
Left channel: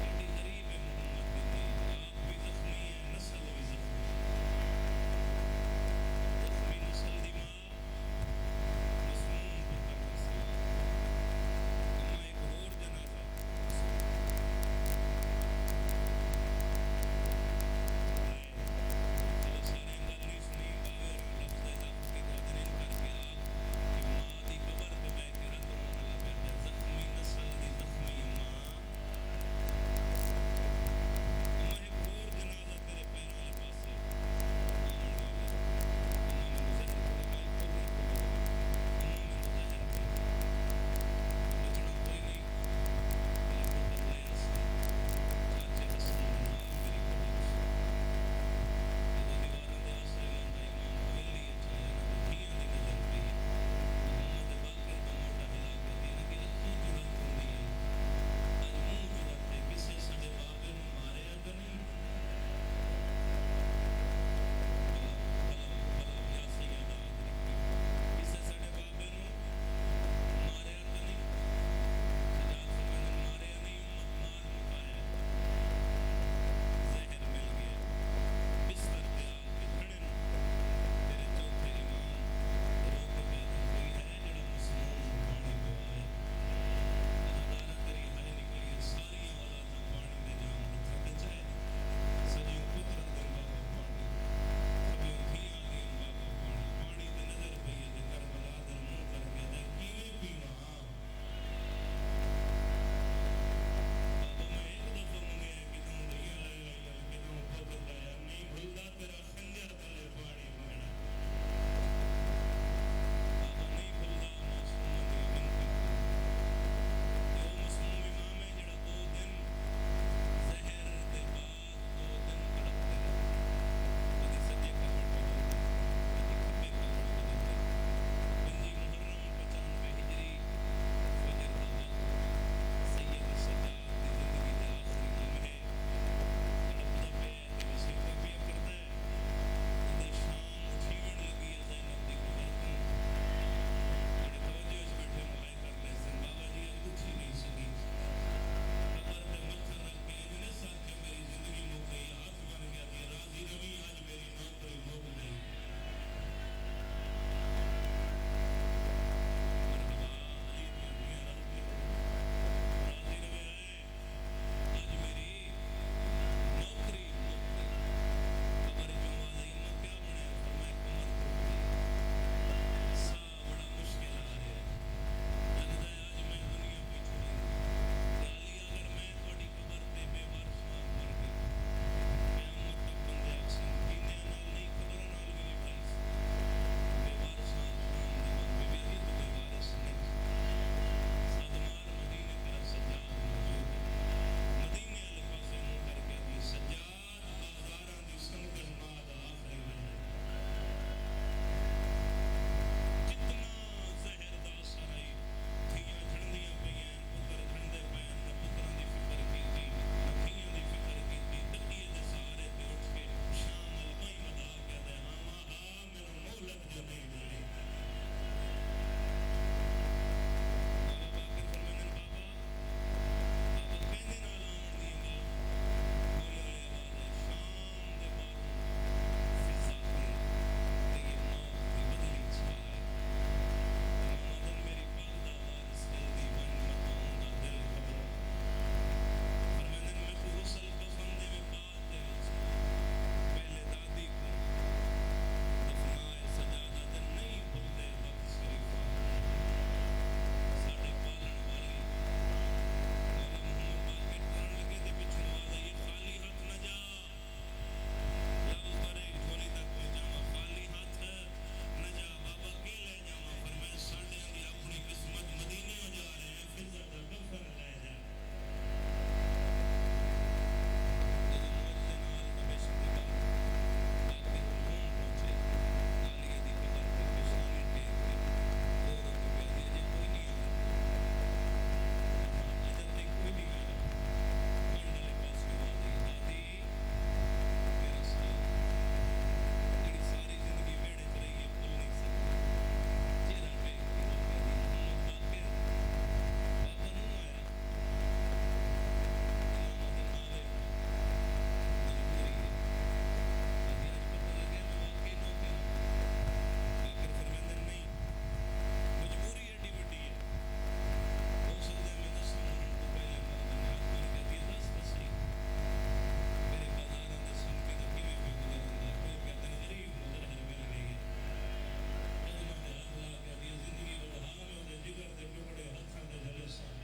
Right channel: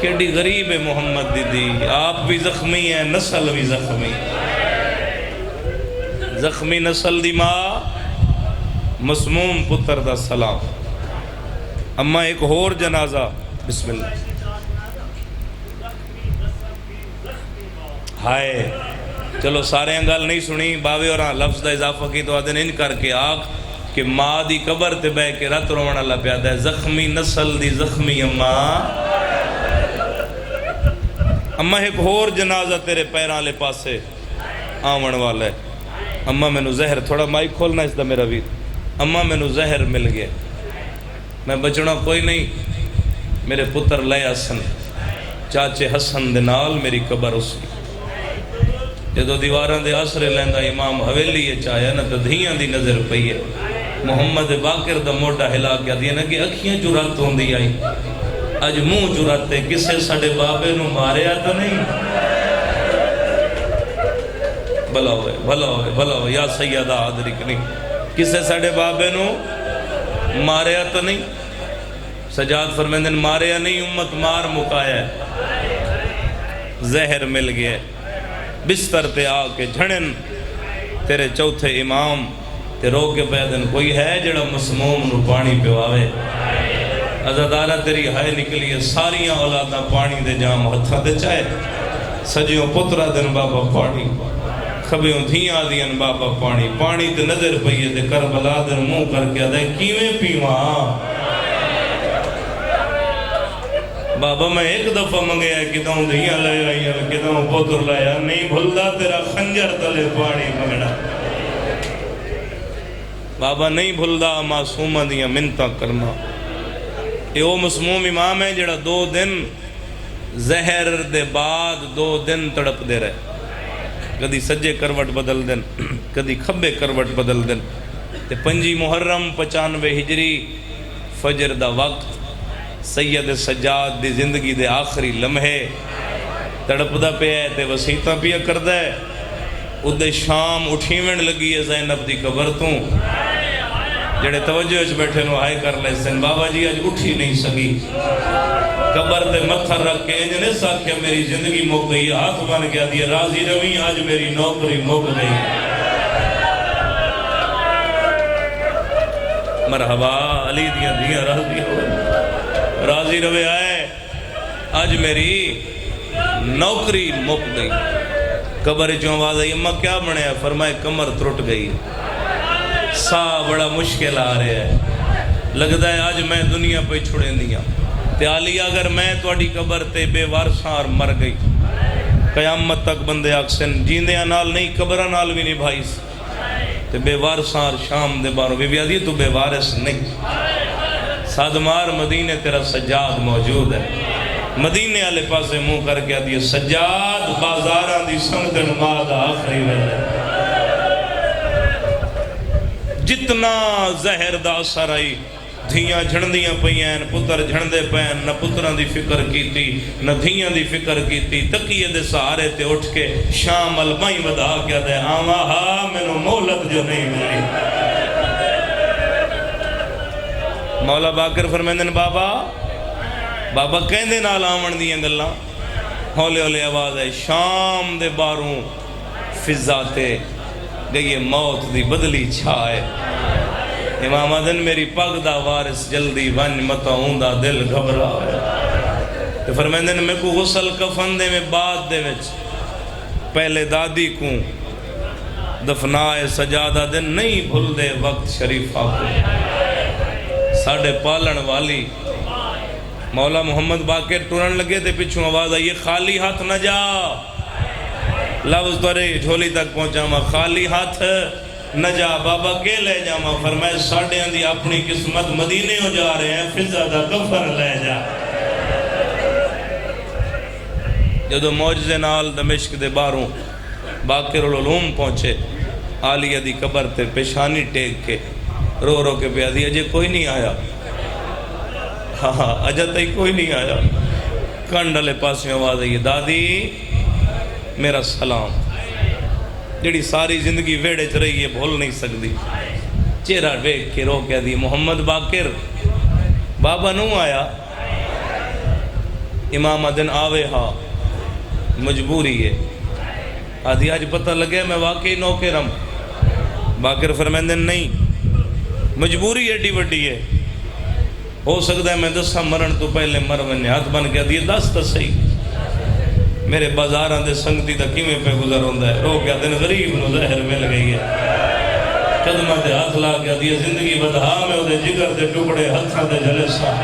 کیڑی غریب ہے محمد دی. آپ بھی زخمی ہیں, نسل بھی زخمی. زخمی نسل دی ماں, مسموم پتر دا سلام. اما ایک اور جنازہ بسم اللہ. ہائے چلو سارے انگل نہیں سنی باوے اور لفظ دا اضافہ کی تو آدھے ان کر کے آگ کہ ماں دی قبر تے بہ کے رات روان اللہ پیادا ہے. زخمی نسل دی زخمی اماں ایک اور جنازہ تیرے پیراں لے پاسے آون والا ہے. اماں میں نو زہر تھوڑا مائک کھولنا اس دا میرا بھی. اماں میں نو زہر مل گیا, میں بچنا کوئی نہیں. میرے پتر لے حسن چاچے حسن دے نال میری قبر اس کی. جدو دیواراں دے آسرے لیندہ امام حویلی چاہیا نا تو دھیاں دی نظر پئی ہے. محمد باقر دا موٹا ہلا کے دیا نا کہ اکھیاں چرات ہوندی آئی, اج منہ چراتے کسے ساڑے بابے نو ماریا تو نہیں. بھلا ہوئے بھلا ہوئے بھلا ہوئے یا سیدہ حاضرکنی, کسے ساڑے بابے نو ماریا تو نہیں. سجاد فرمیندن ماریا نہیں, امت مار مکایا ہے. زہر مل گیا بستر تے آ کے جھڑن تیرے چوتھے امام تے رو کے پیدن کوئی ہے جڑا مسموم نو پانی پیواوے. عزادارہ تیری ہائے نکلی ہے ساریاں اولاداں پانی دے جام ہتھاں دے چائے سجیوں پترا دن بابا پانی کھبیوں دھیاں دین بابا پانی پانی تے نظر پئیے تے کربلا دن منہ کر کے دے کیویں پیواں بابا میں ایک دفعہ منگیا ہے کدوں دھیاں لے آئی ہیں کدوں پتر لایا نہیں بھلدا تیرا خنجر تلے پانی منگنا بابا نہیں بھلدا معصومہ دیاں منتاں کرنا یہ وہ مسموم امام ہے جڑا 2 دن زہر دے بعد 2 دن تڑپ دے رہے کدی سجے کروٹ بدل دن کدی کھبے کروٹ بدل دن تے 5 محرم 95 ہجری فجر دا وقت سید سجاد دی زندگی دے آخری لمحے تڑپ دا پہ ہے تے وسیطہ پیا کر دے ادھے شام اٹھیویں لگی ہے زینب دی قبر تو جڑے توجہ اچھ بیٹھے نو ہائے کر لے سن بابا جی آج اٹھی نہیں سکی قبر تے متھر رکھ کے انجنے ساکھیا میری زندگی مک گئی ہاتھ بن گیا دیا راضی روی آج میری نوکری مک گئی مرحبا علی دیا دیا راضی ہوئے راضی روے آئے آج میری نوکری مک گئی قبر جو آواز آئی اماں کیا بنے ہے فرمائے کمر ترٹ گئی سا بڑا مشکل آ رہے ہے لگتا ہے آج میں دنیا پہ چھڑے دیا تے علی اگر میں توڑی قبر تے بے وارسار مر گئی قیامت تک بندے آکسن جیندیاں نال نہیں قبرہ نال بھی نہیں بھائیس تے بے وارسار شام دے باروں بی بی آدھی تو بے وارس نہیں سادمار مدینے تیرا سجاد موجود ہے مدینے والے پاسے منہ کر کے آدھی سجاد بازاراں دی سنگن ماد آخری ویلے جتنا زہر دا اثر آئی دھیاں جھڑندیاں پئیاں پتر جھڑندے پئیاں نہ پتران دی فکر کیتی نہ دھیاں دی فکر کیتی تقیے دے سہارے تے اٹھ کے شام البائیں ودا کیا دے آما ہاں مینوں مہلت جو نہیں ملی مولا باقر فرمیندن بابا کہندے نال آمن دیاں گلاں ہولے ہولے آواز ہے شام دے باروں فضا تے گئی موت دی بدلی چھائے امام آدن میری پگ دا وارث جلدی ون متا ہوندہ دل گھبرا ہے فرمیندن میں کو غسل کفن دے میں بعد دے وچ پہلے دادی کو دفنائے سجادہ دن نہیں بھول دے وقت شریف آکو ساڑھے پالن والی مولا محمد باقر ٹورن لگے تھے پچھوں آواز آئی خالی ہاتھ نہ جا لفظ تورے جھولی تک پہنچا ماں خالی ہاتھ نہ جا بابا کے لے جا ماں فرمائے ساڑھے اندھی اپنی قسمت مدینے ہو جا رہے ہیں فضا دا کفر لے جا جدو موجزے نال دمشق دے باروں باقر العلوم پہنچے عالیہ دی قبر تے پیشانی ٹیک کے رو رو کے پہ آدھی اجے کوئی نہیں آیا ہاں اجا تئی کوئی نہیں آیا کنڈلے پاس میں آواز آئی دادی میرا سلام جڑی ساری زندگی ویڑے چ رہی ہے بھول نہیں سکتی چہرہ دیکھ کے رو کہہ دی محمد باقر بابا نو آیا امام دن آوے ہاں مجبوری ہے آدھی آج پتہ لگے میں واقعی نوکرم باقر فرمیندن نہیں مجبوری ایڈی وڈی ہے ہو سکتا ہے میں دسا مرن تو پہلے مرون ہاتھ بن کے آدھی دس تو صحیح میرے بازاراں دے سنگتی تا کیویں پہ گزر ہوندا ہے رو کیا دن غریب نو زہر مل گئی ہے قدمہ دے ہاتھ لا کے آدھی زندگی بدہا میں دے جگر دے ٹکڑے ہتھاں دے جلسہ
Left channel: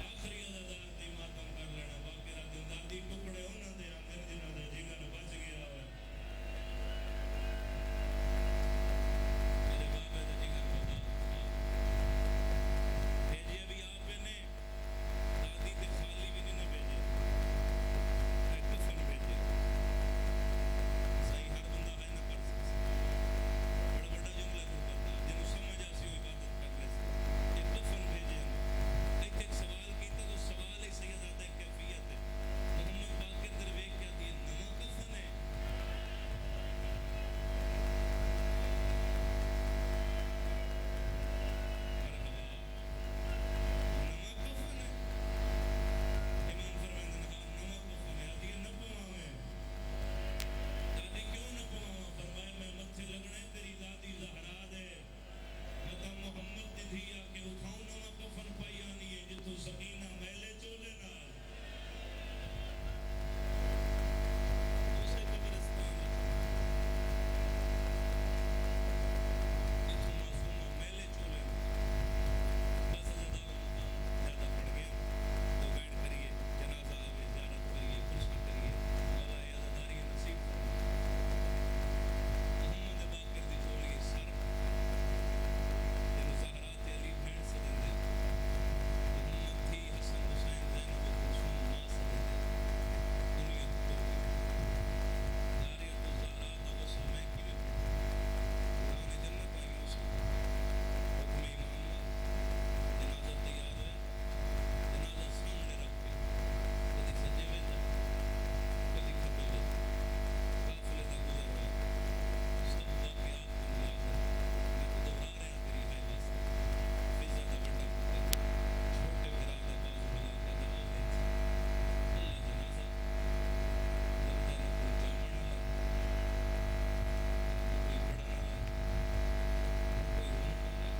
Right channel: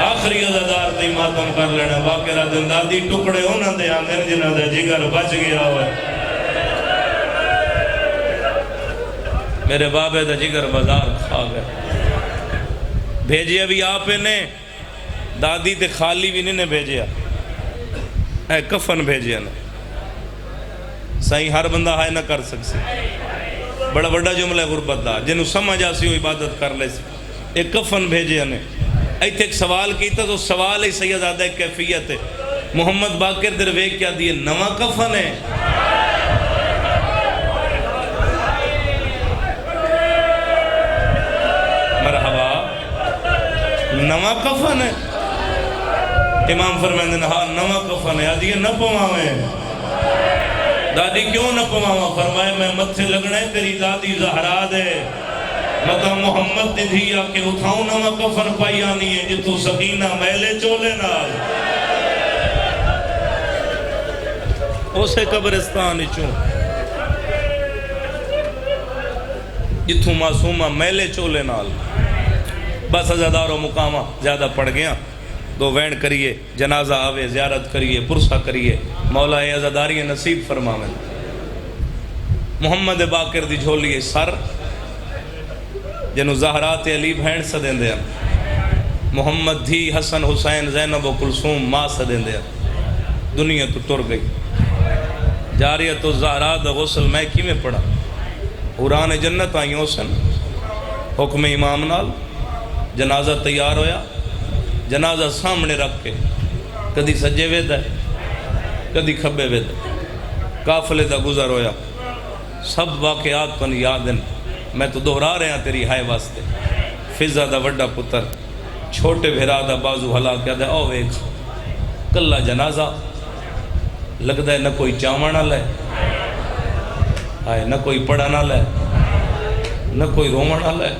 آخری عزادار تے ماتم کر لینا باقرہ دن دادی ٹکڑے ہونا دے آندھر جنہ دے جگر بچ گیا ہوئے میرے بابے دا جگر بازار کھا گئے بھیجیا بھی آپ نے دادی تے خالی بھی نہیں بھیجیا اے کفن بھیجیا نا سائیں ہر بندہ ہائے نہ کر سکسی بڑا بڑا جملہ غربت دا جنہوں سمجھ آسی ہو عبادت کر لے سی ایک کفن بھیجیا نے ایتھے ایک سوال کیتا تو سوال ہی سیدادہ ایک کیفیت ہے محمد باقر درویک کیا دیئے نواں کفن ہے مرحبا نواں کفن ہے امام فرمیندن ہاں نواں کفن ہے آدھی نہ پواویں دادی کیوں نہ پواویں فرمائے میں متھے لگنا ہے تیری دادی زہرا دے مطلب محمد دی دھی آ کے اٹھاؤں نہ میں کفن پائی آنی ہے جتو سکینہ میلے چولے نال اسے قبرستان چوں جتوں معصومہ میلے چولے نال بس ازادار و مقامہ زیادہ پڑ گیا دو وین کریے جنازہ آوے زیارت کریے پرسہ کریے مولا اے ازاداری نصیب فرماویں محمد باقر دی جھولی سر جنو زہرات علی بھین سدیں دیا محمد دھی حسن حسین زینب و کلثوم ماں سدیں دیا دنیا تو ٹر گئی جاریت و زہرات غسل میں کی میں پڑھا قرآن جنت آئیوں سن حکم امام نال جنازہ تیار ہویا جنازہ سامنے رکھ کے کدی سجے وید ہے کدی کھبے وید قافلے دا گزر ہویا سب واقعات پن یادن میں تو دہرا رہے ہیں تیری ہائے واسطے فضا دا وڈا پتر چھوٹے بھیرا دا بازو ہلا کیا دے او ویکھ کلا جنازہ لگتا ہے نہ کوئی چاوڑ نہ لے آئے نہ کوئی پڑھا نہ لے نہ کوئی رومہ نہ لے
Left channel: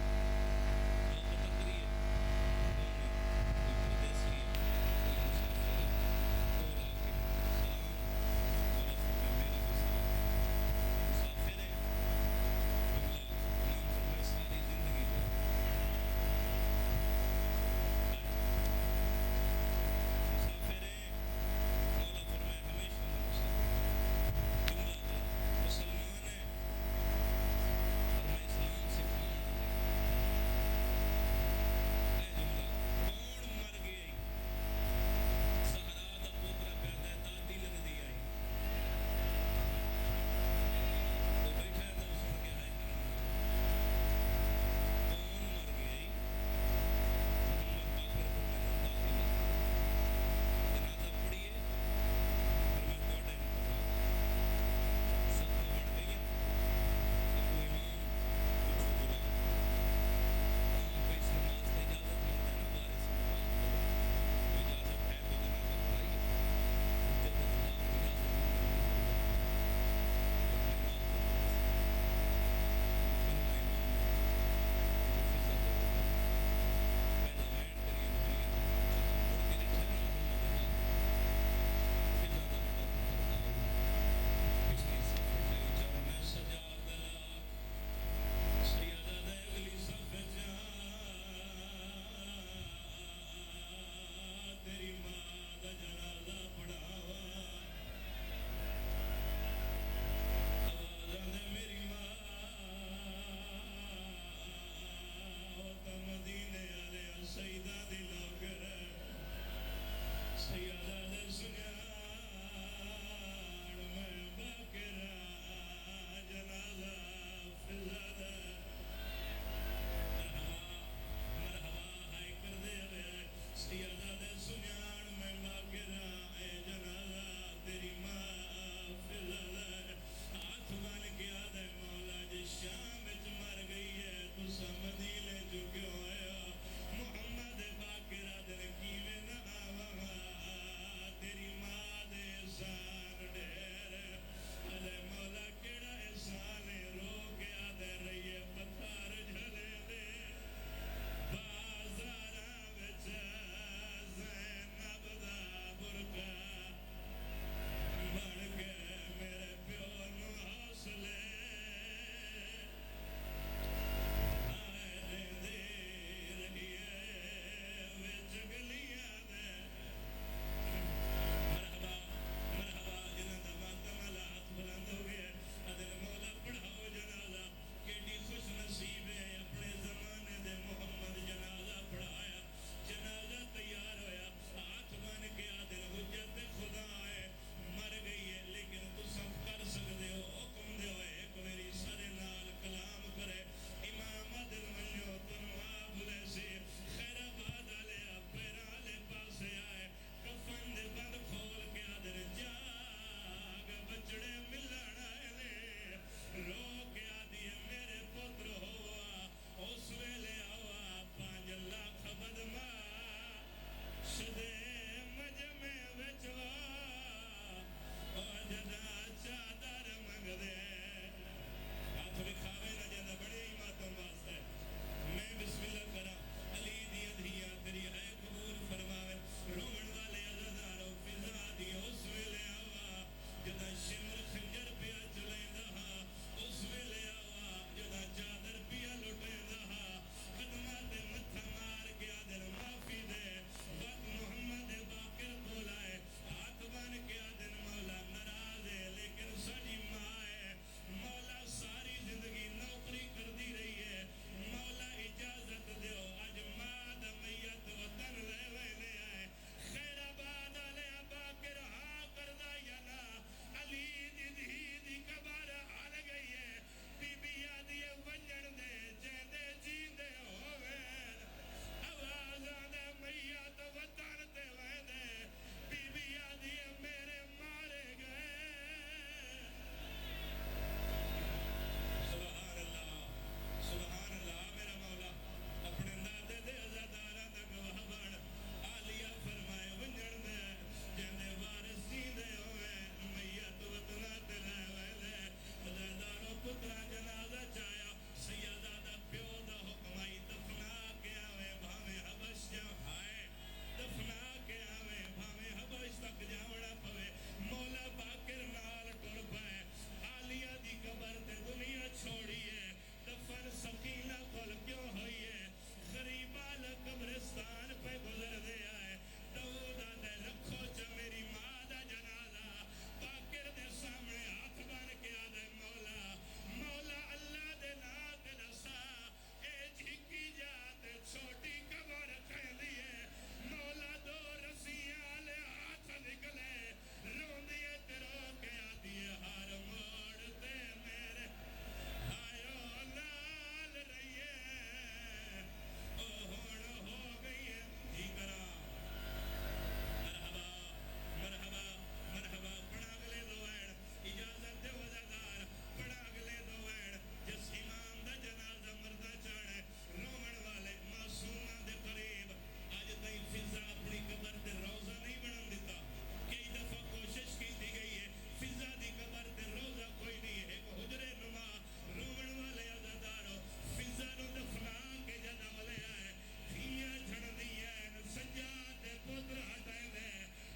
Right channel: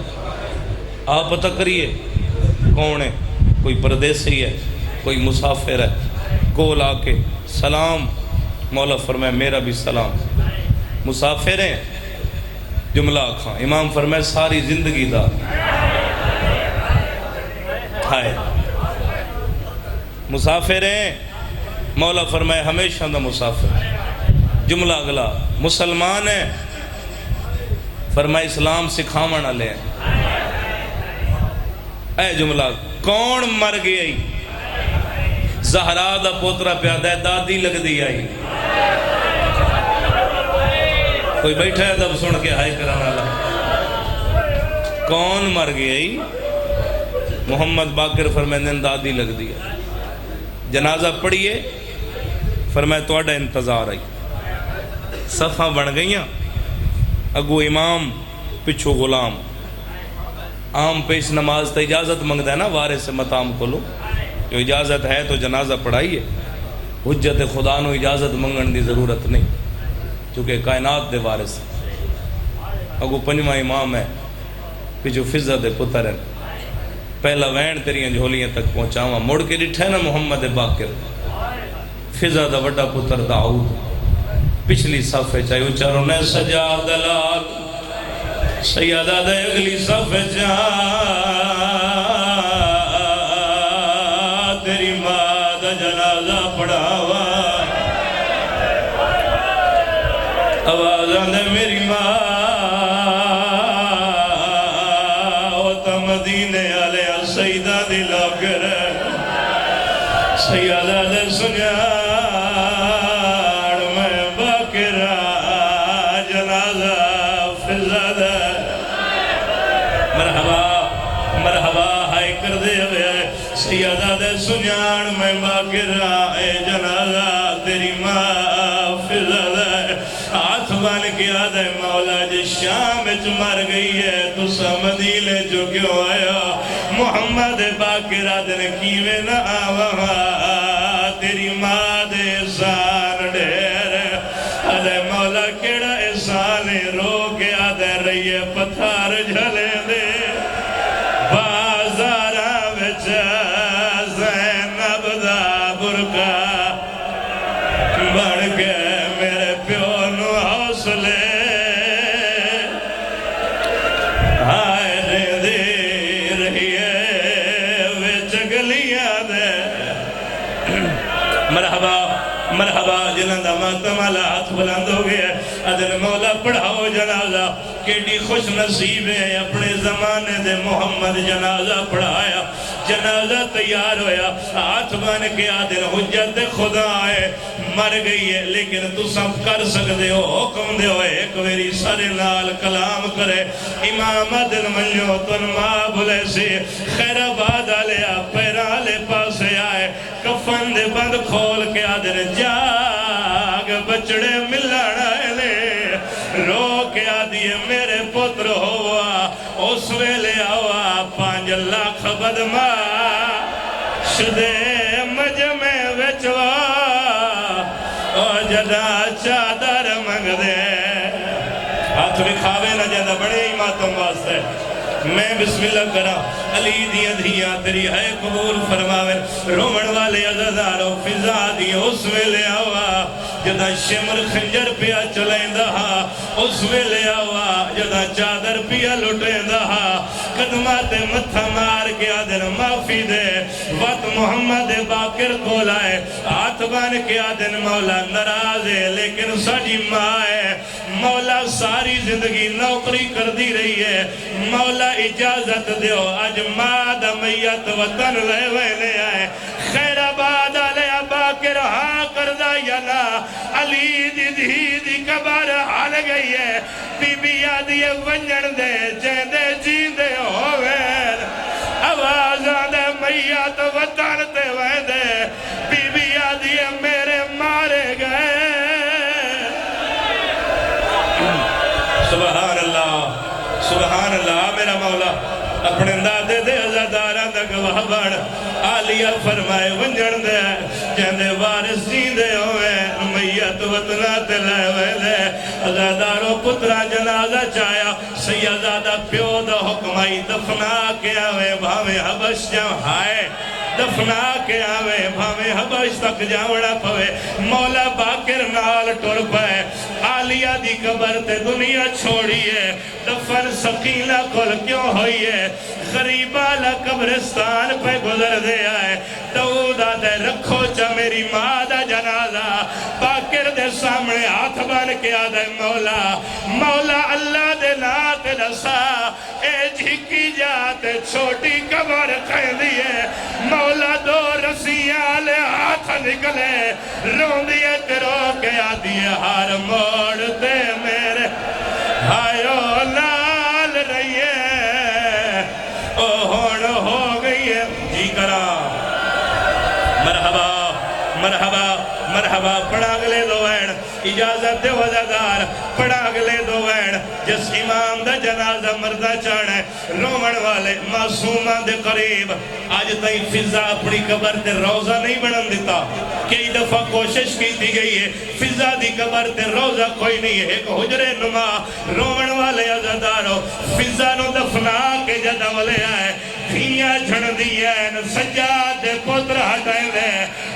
آپ پتہ کریے کون ہے کوئی پردیسی ہے کوئی مسافر ہے کول آ کے سلام مولا فرمائے میرا بھی سلام مسافر ہیں جملہ آکھاں امام فرمائے ساری زندگی دا ہائے مسافر ہیں مولا فرمائے ہمیشہ دا مسافر جملہ اگلا مسلمان ہیں فرمائے اسلام سکھاونا لے اے جملہ کون مر گئی زہرا دا پوترا پیادہ ہے دادی لگ دی آئی کوئی بیٹھا ہے تب سن کے ہائی کرانا لگا کون مر گئی محمد باقر فرمائے دادی لگ دیا جنازہ پڑھیے فرمائے توڑا انتظار آئی صفحہ بن گئیاں اگو امام پچھو غلام عام پیش نماز تا اجازت منگتا ہے نا وارث سے متام کو لو جو اجازت ہے تو جنازہ پڑھائیے حجت خدا نو اجازت منگن دی ضرورت نہیں چونکہ کائنات دے وارث اگو پنجواں امام ہے پچھو فضا دے پتر ہیں پہلا وین تیریاں جھولیاں تک پہنچاواں مڑ کے ڈٹھے نا محمد باقر فضا دا وڈا پتر داؤد پچھلی صفحے چاہیے اچاروں نے سجا دلال سیدہ دے اگلی صفحے تیری ماں دا جنازہ پڑھاوا آوازاں دے میری ماں او تا مدینے علیہ سیدہ دی لاکر سیدہ دے سنیا سیادہ دے سنیان میں باقر آئے جنازہ تیری ماں فضا دے ہاتھ بن کیا دے مولا جی شام اچ مر گئی ہے تو سمدیلے جو کیوں آیا محمد باقر آدھن کیوے نہ آوہا تیری ماں دے احسان ڈھیر آدھے مولا کیڑا احسان رو کے آدھے رہیے پتھار جھلے دے بازارہ بچہ بڑھ کے میرے پیو نو حوصلے ہائے دے دے رہیے وچ گلیاں دے مرحبا مرحبا جنہاں دا ماتم والا ہاتھ بلند ہو گیا ادھر مولا پڑھاؤ جنازہ کیڑی خوش نصیب ہے اپنے زمانے دے محمد جنازہ پڑھایا جنازہ تیار ہویا ہاتھ بن کے آدھر حجت خدا آئے مر گئی ہے لیکن تو سب کر سکتے ہو حکم دے ہوئے ایک ویری سارے نال کلام کرے امام دل منجو تن ماں بھلے سے خیر آباد آلیا پیرا لے پاسے آئے کفن دے بند کھول کے آدھر جاگ بچڑے ملنا لے رو کے آدھیے میرے پتر ہوا اس ویلے آوا 5 لاکھ بدما شدے مجمع وچوا اور جدا چادر منگ دے ہاتھ بھی کھاوے نہ جدا بڑے ہی ماتم واسطے میں بسم اللہ کرا علی دیاں دھیاں تیری ہے قبول فرماوے رومن والے عزادارو فضا دی اس ویلے آوا جدا شمر خنجر پیا چلائیں دہا اس ویلے آوا جدا چادر پیا لٹیں دہا قدمات متھا مار کے آدن معافی دے وقت محمد باقر کو لائے ہاتھ بان کے آدن مولا ناراض ہے لیکن ساڑی ماں ہے مولا ساری زندگی نوکری کر دی رہی ہے مولا اجازت دیو آج ماد میت وطن لے ویلے آئے خیر آباد علیہ باقر ہاں کردہ یلا علی دی دی دی کبار حال گئی ہے بی بی آدھی ونجن دے جیندے جیندے ہوئے آواز آدھے میت وطن تے ویندے بی بی آدھی میرے مارے گئے سبحان اللہ میرا مولا اپنے دادے دے عزاداران دا گواہ بڑھ آلیہ فرمائے ونجن دے جہندے وارث جیندے ہوئے میت وطنہ تلائے ویلے عزاداروں پترہ جنازہ چایا سیدادہ پیو دا حکمائی دفنا کے آوے بھاوے حبش جاؤں ہائے دفنا کے آوے بھاوے حبش تک جاوڑا پوے مولا باقر نال ٹور پائے آلیہ دی قبر تے دنیا چھوڑی ہے دفن سقیلہ کل کیوں ہوئی ہے غریبالا قبرستان پہ گزر دے آئے دعودہ دے رکھو چا میری ماں دا جنازہ باقر دے سامنے ہاتھ بن کے آدھے مولا اللہ دے نات دسا اے جھکی جاتے چھوٹی قبر کہیں دیئے مولا دو رسیاں لے ہاتھ نکلے رون دیئے تیرو کے آدھیے ہار موڑ دے میرے ہائیو نال رہیے او ہون ہو گئی ہے جی کرا مرحبا مرحبا مرحبا پڑھا گلے دو وین اجازت دے وزادار پڑھا گلے دو وین جس امام دا جنازہ مردہ چاڑھے رومن والے معصومان دے قریب آج تائی فضا اپنی قبر تے روزہ نہیں بڑھن دیتا کئی دفعہ کوشش کی تھی گئی ہے فضا دی قبر تے روزہ کوئی نہیں ہے ایک حجرے نما رومن والے عزادارو فضا نو دفنا کے جدہ والے آئے دھیاں جھڑ دیا سجاد پتر ہٹائیں دے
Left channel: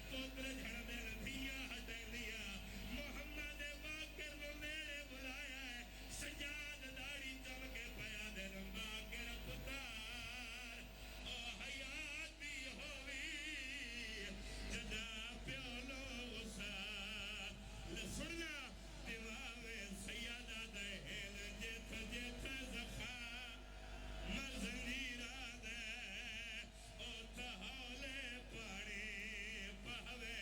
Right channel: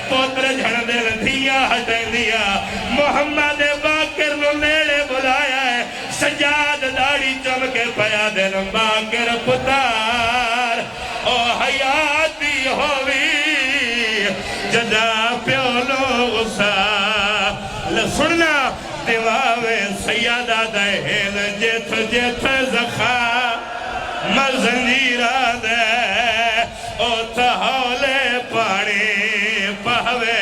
پتر جھڑ دے دھیاں ہٹائیں دیا محمد باقر نو نیڑے بلایا ہے سجاد داڑی چمکے پیا دن باقر پتار او حیاتی ہوئی جدا پیولو غصہ لسننا دیواوے سیادہ دہین جیت جیت زخا مزنجیرہ دے او تحولے پانی پہوے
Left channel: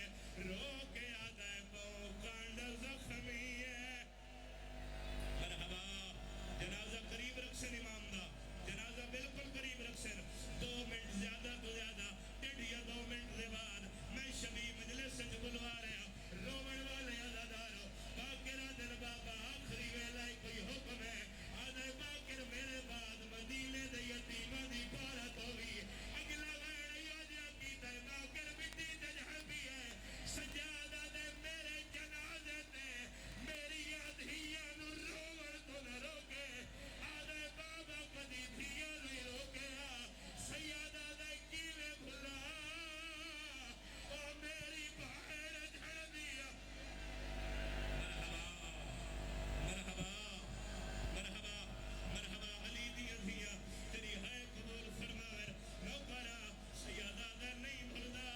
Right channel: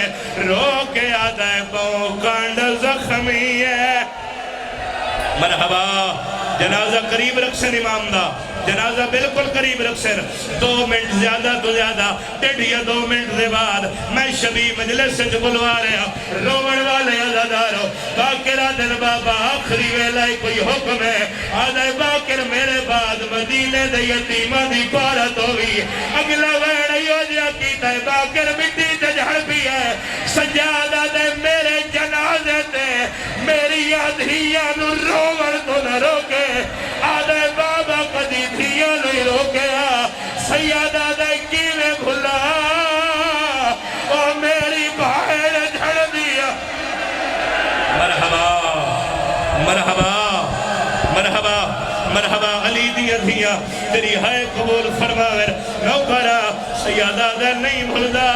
روکے آدھے بہو کانڈ زخمی ہے مرحبا جنازہ قریب رکھسن امام دا جنازہ بالکل قریب رکھسن 2 منٹ زیادہ تو زیادہ 2 منٹ دے بعد میں شبی مجلس سے بلوا رہا رومن والے عزادارو باقرہ دل بابا آخری ویلائی کوئی حکم ہے آدھے باقر میرے بعد مدینے دے یتیمہ دی پارت ہوئی اگلا ویڑیو جیا کیتا ہے باقر مٹی تے جھڑ بھی ہے سجادہ دے میرے جنازے تے میری یادھیاں نو رومن تو نہ روکے آدھے بابا قدی دھیاں نہیں روکیا سیادہ دے کیوے بھلا اور میری بھائر جھڑ دیا مرحبا مرحبا مرحبا مرحبا علی دیا دھیاں تیری ہے قبول فرماور نوکرہ سیادہ دے نہیں بھلدا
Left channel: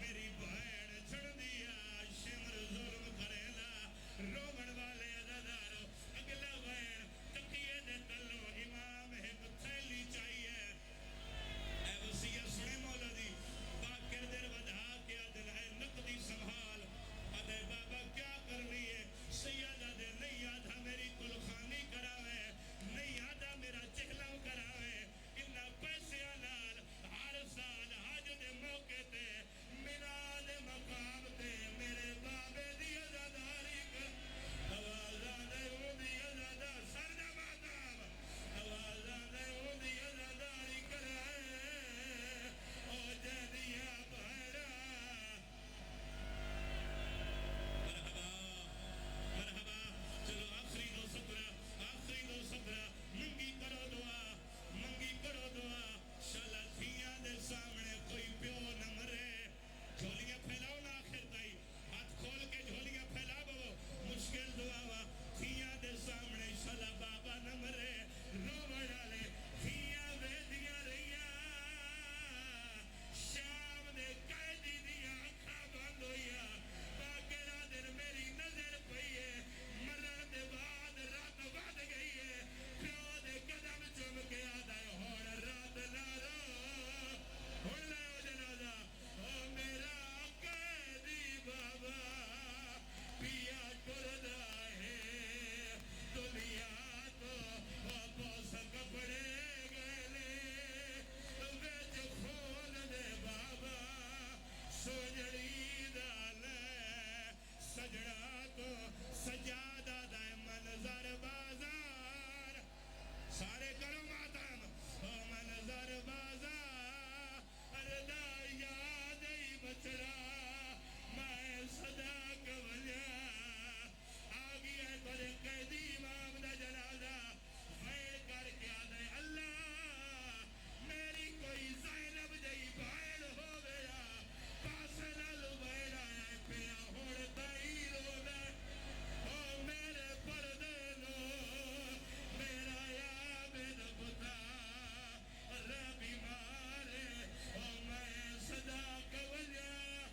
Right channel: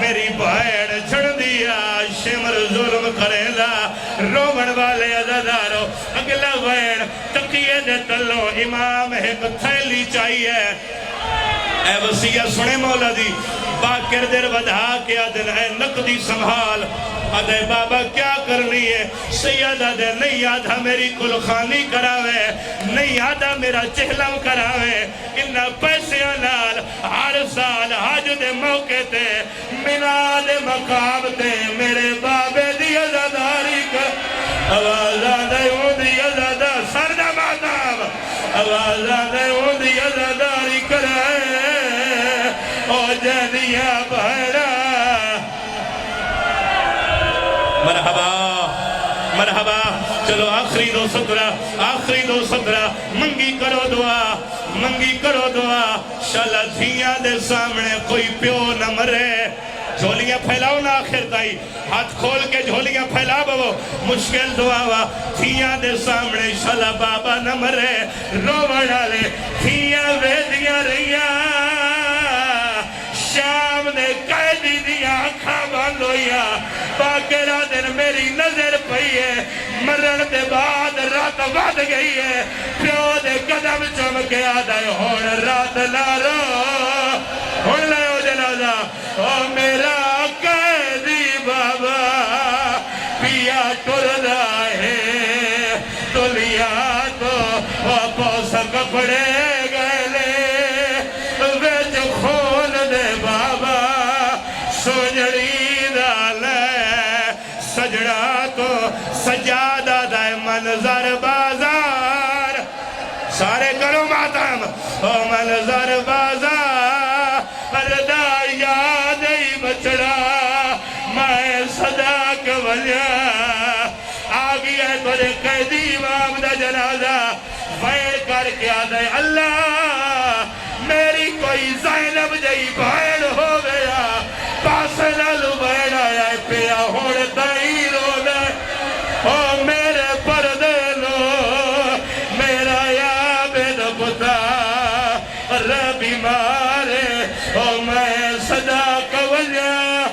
میری بھائر جھڑ دیا شمر ظلم کرے دا رومن والے عزادارو اگلا وین تقیے دے تلو امام ایک تھیلی چاہیے اے وسیعہ سنے مولا دی باقر در ودھا کے آدھن اے نقدی سنبھال آدھے بابا کیا کرنی ہے سیادہ دے نہیں آدھا میری کل خانی کراوے نہیں آدھا میرا چہلم کراوے انہا پیسے نال ہر سال حج دے موقع تے مناد مقام تے میرے بابے دی عزاداری کر آوازہ دے ہوں دی عزادہ سردہ ماتاب آوازہ دے ہوں دی عزاداری کرائے او جدیا بھڑا مرحبا مرحبا چلو آخری دو سترہ منگی کرو دعا شالا دھیاں دے سامنے کوئی پیو نہ مرے جھولیاں پھیلاؤ نا آخر تائی ہاتھ کھول کے جھولیاں پھیلا بو مشکل دعا وا دھیاں دے سامنے شالا بابا نہ مرے روڑ آلے دھیاں ویدیاں رہیاں شام نے قیدی دیا آنکھاں بند ہویا باقیرہ دن میری نظر پئی ہے مرن دے بعد رات بد گئی ہے پیو دے قدم چمکے آدھائے ہون رات لارو ہون لائیو جنازہ او میرا قیدی بابا پیا ٹردا ہے دنیا تو پوس کپڑے گئے ویچ خون دے بابا سجڑی دالے سجڑا تو سجادہ دائے منظر بازار سارے کرو ماتم او منظر بازار پردہ یاد ہی بچڑا میں صداق ولیا آگی ہے تجھے قیدی امام دا جنازہ فیر کر کے آدھے اللہ میری کوئی زینب جئی بھائڑ ہو گیا پاس نالو بھائڑ آیا پیا ہوڑ تائیر ہو گئے او میرے پردے لو میرا یا بید پتا ربی مارے او میں صداق ولیا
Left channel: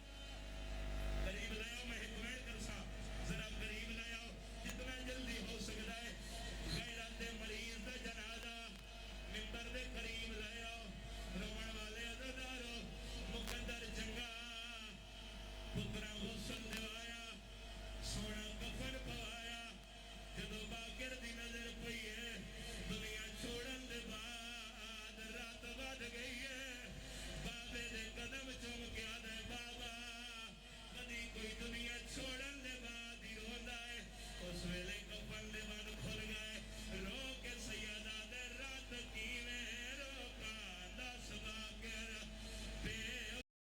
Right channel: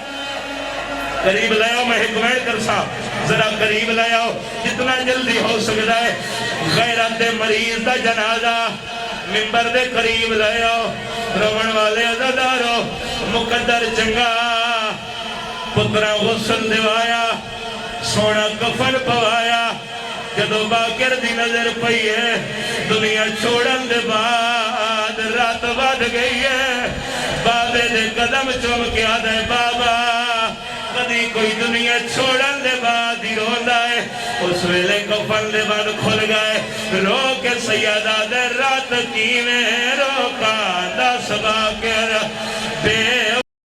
قریب لائیو میں حکمین کرسا ذرا قریب لائیو جتنا جلدی ہو سکتا ہے غیرت مریض دا جنازہ ممبر دے قریب لائیو روان والے عزادارو مقدر چنگا پترہ غسل دیوایا سونا کفن پوایا جدو باکر دی نظر پئی ہے دنیا چھوڑن دے بعد رات بد گئی ہے بابے دے قدم چوم کے آدھے بابا کدی کوئی دنیا چھوڑن دے بعد ہی روندہ ہے اس ویلے کفن دے بعد کھل گئے رو کے سیادہ دے رات کی میں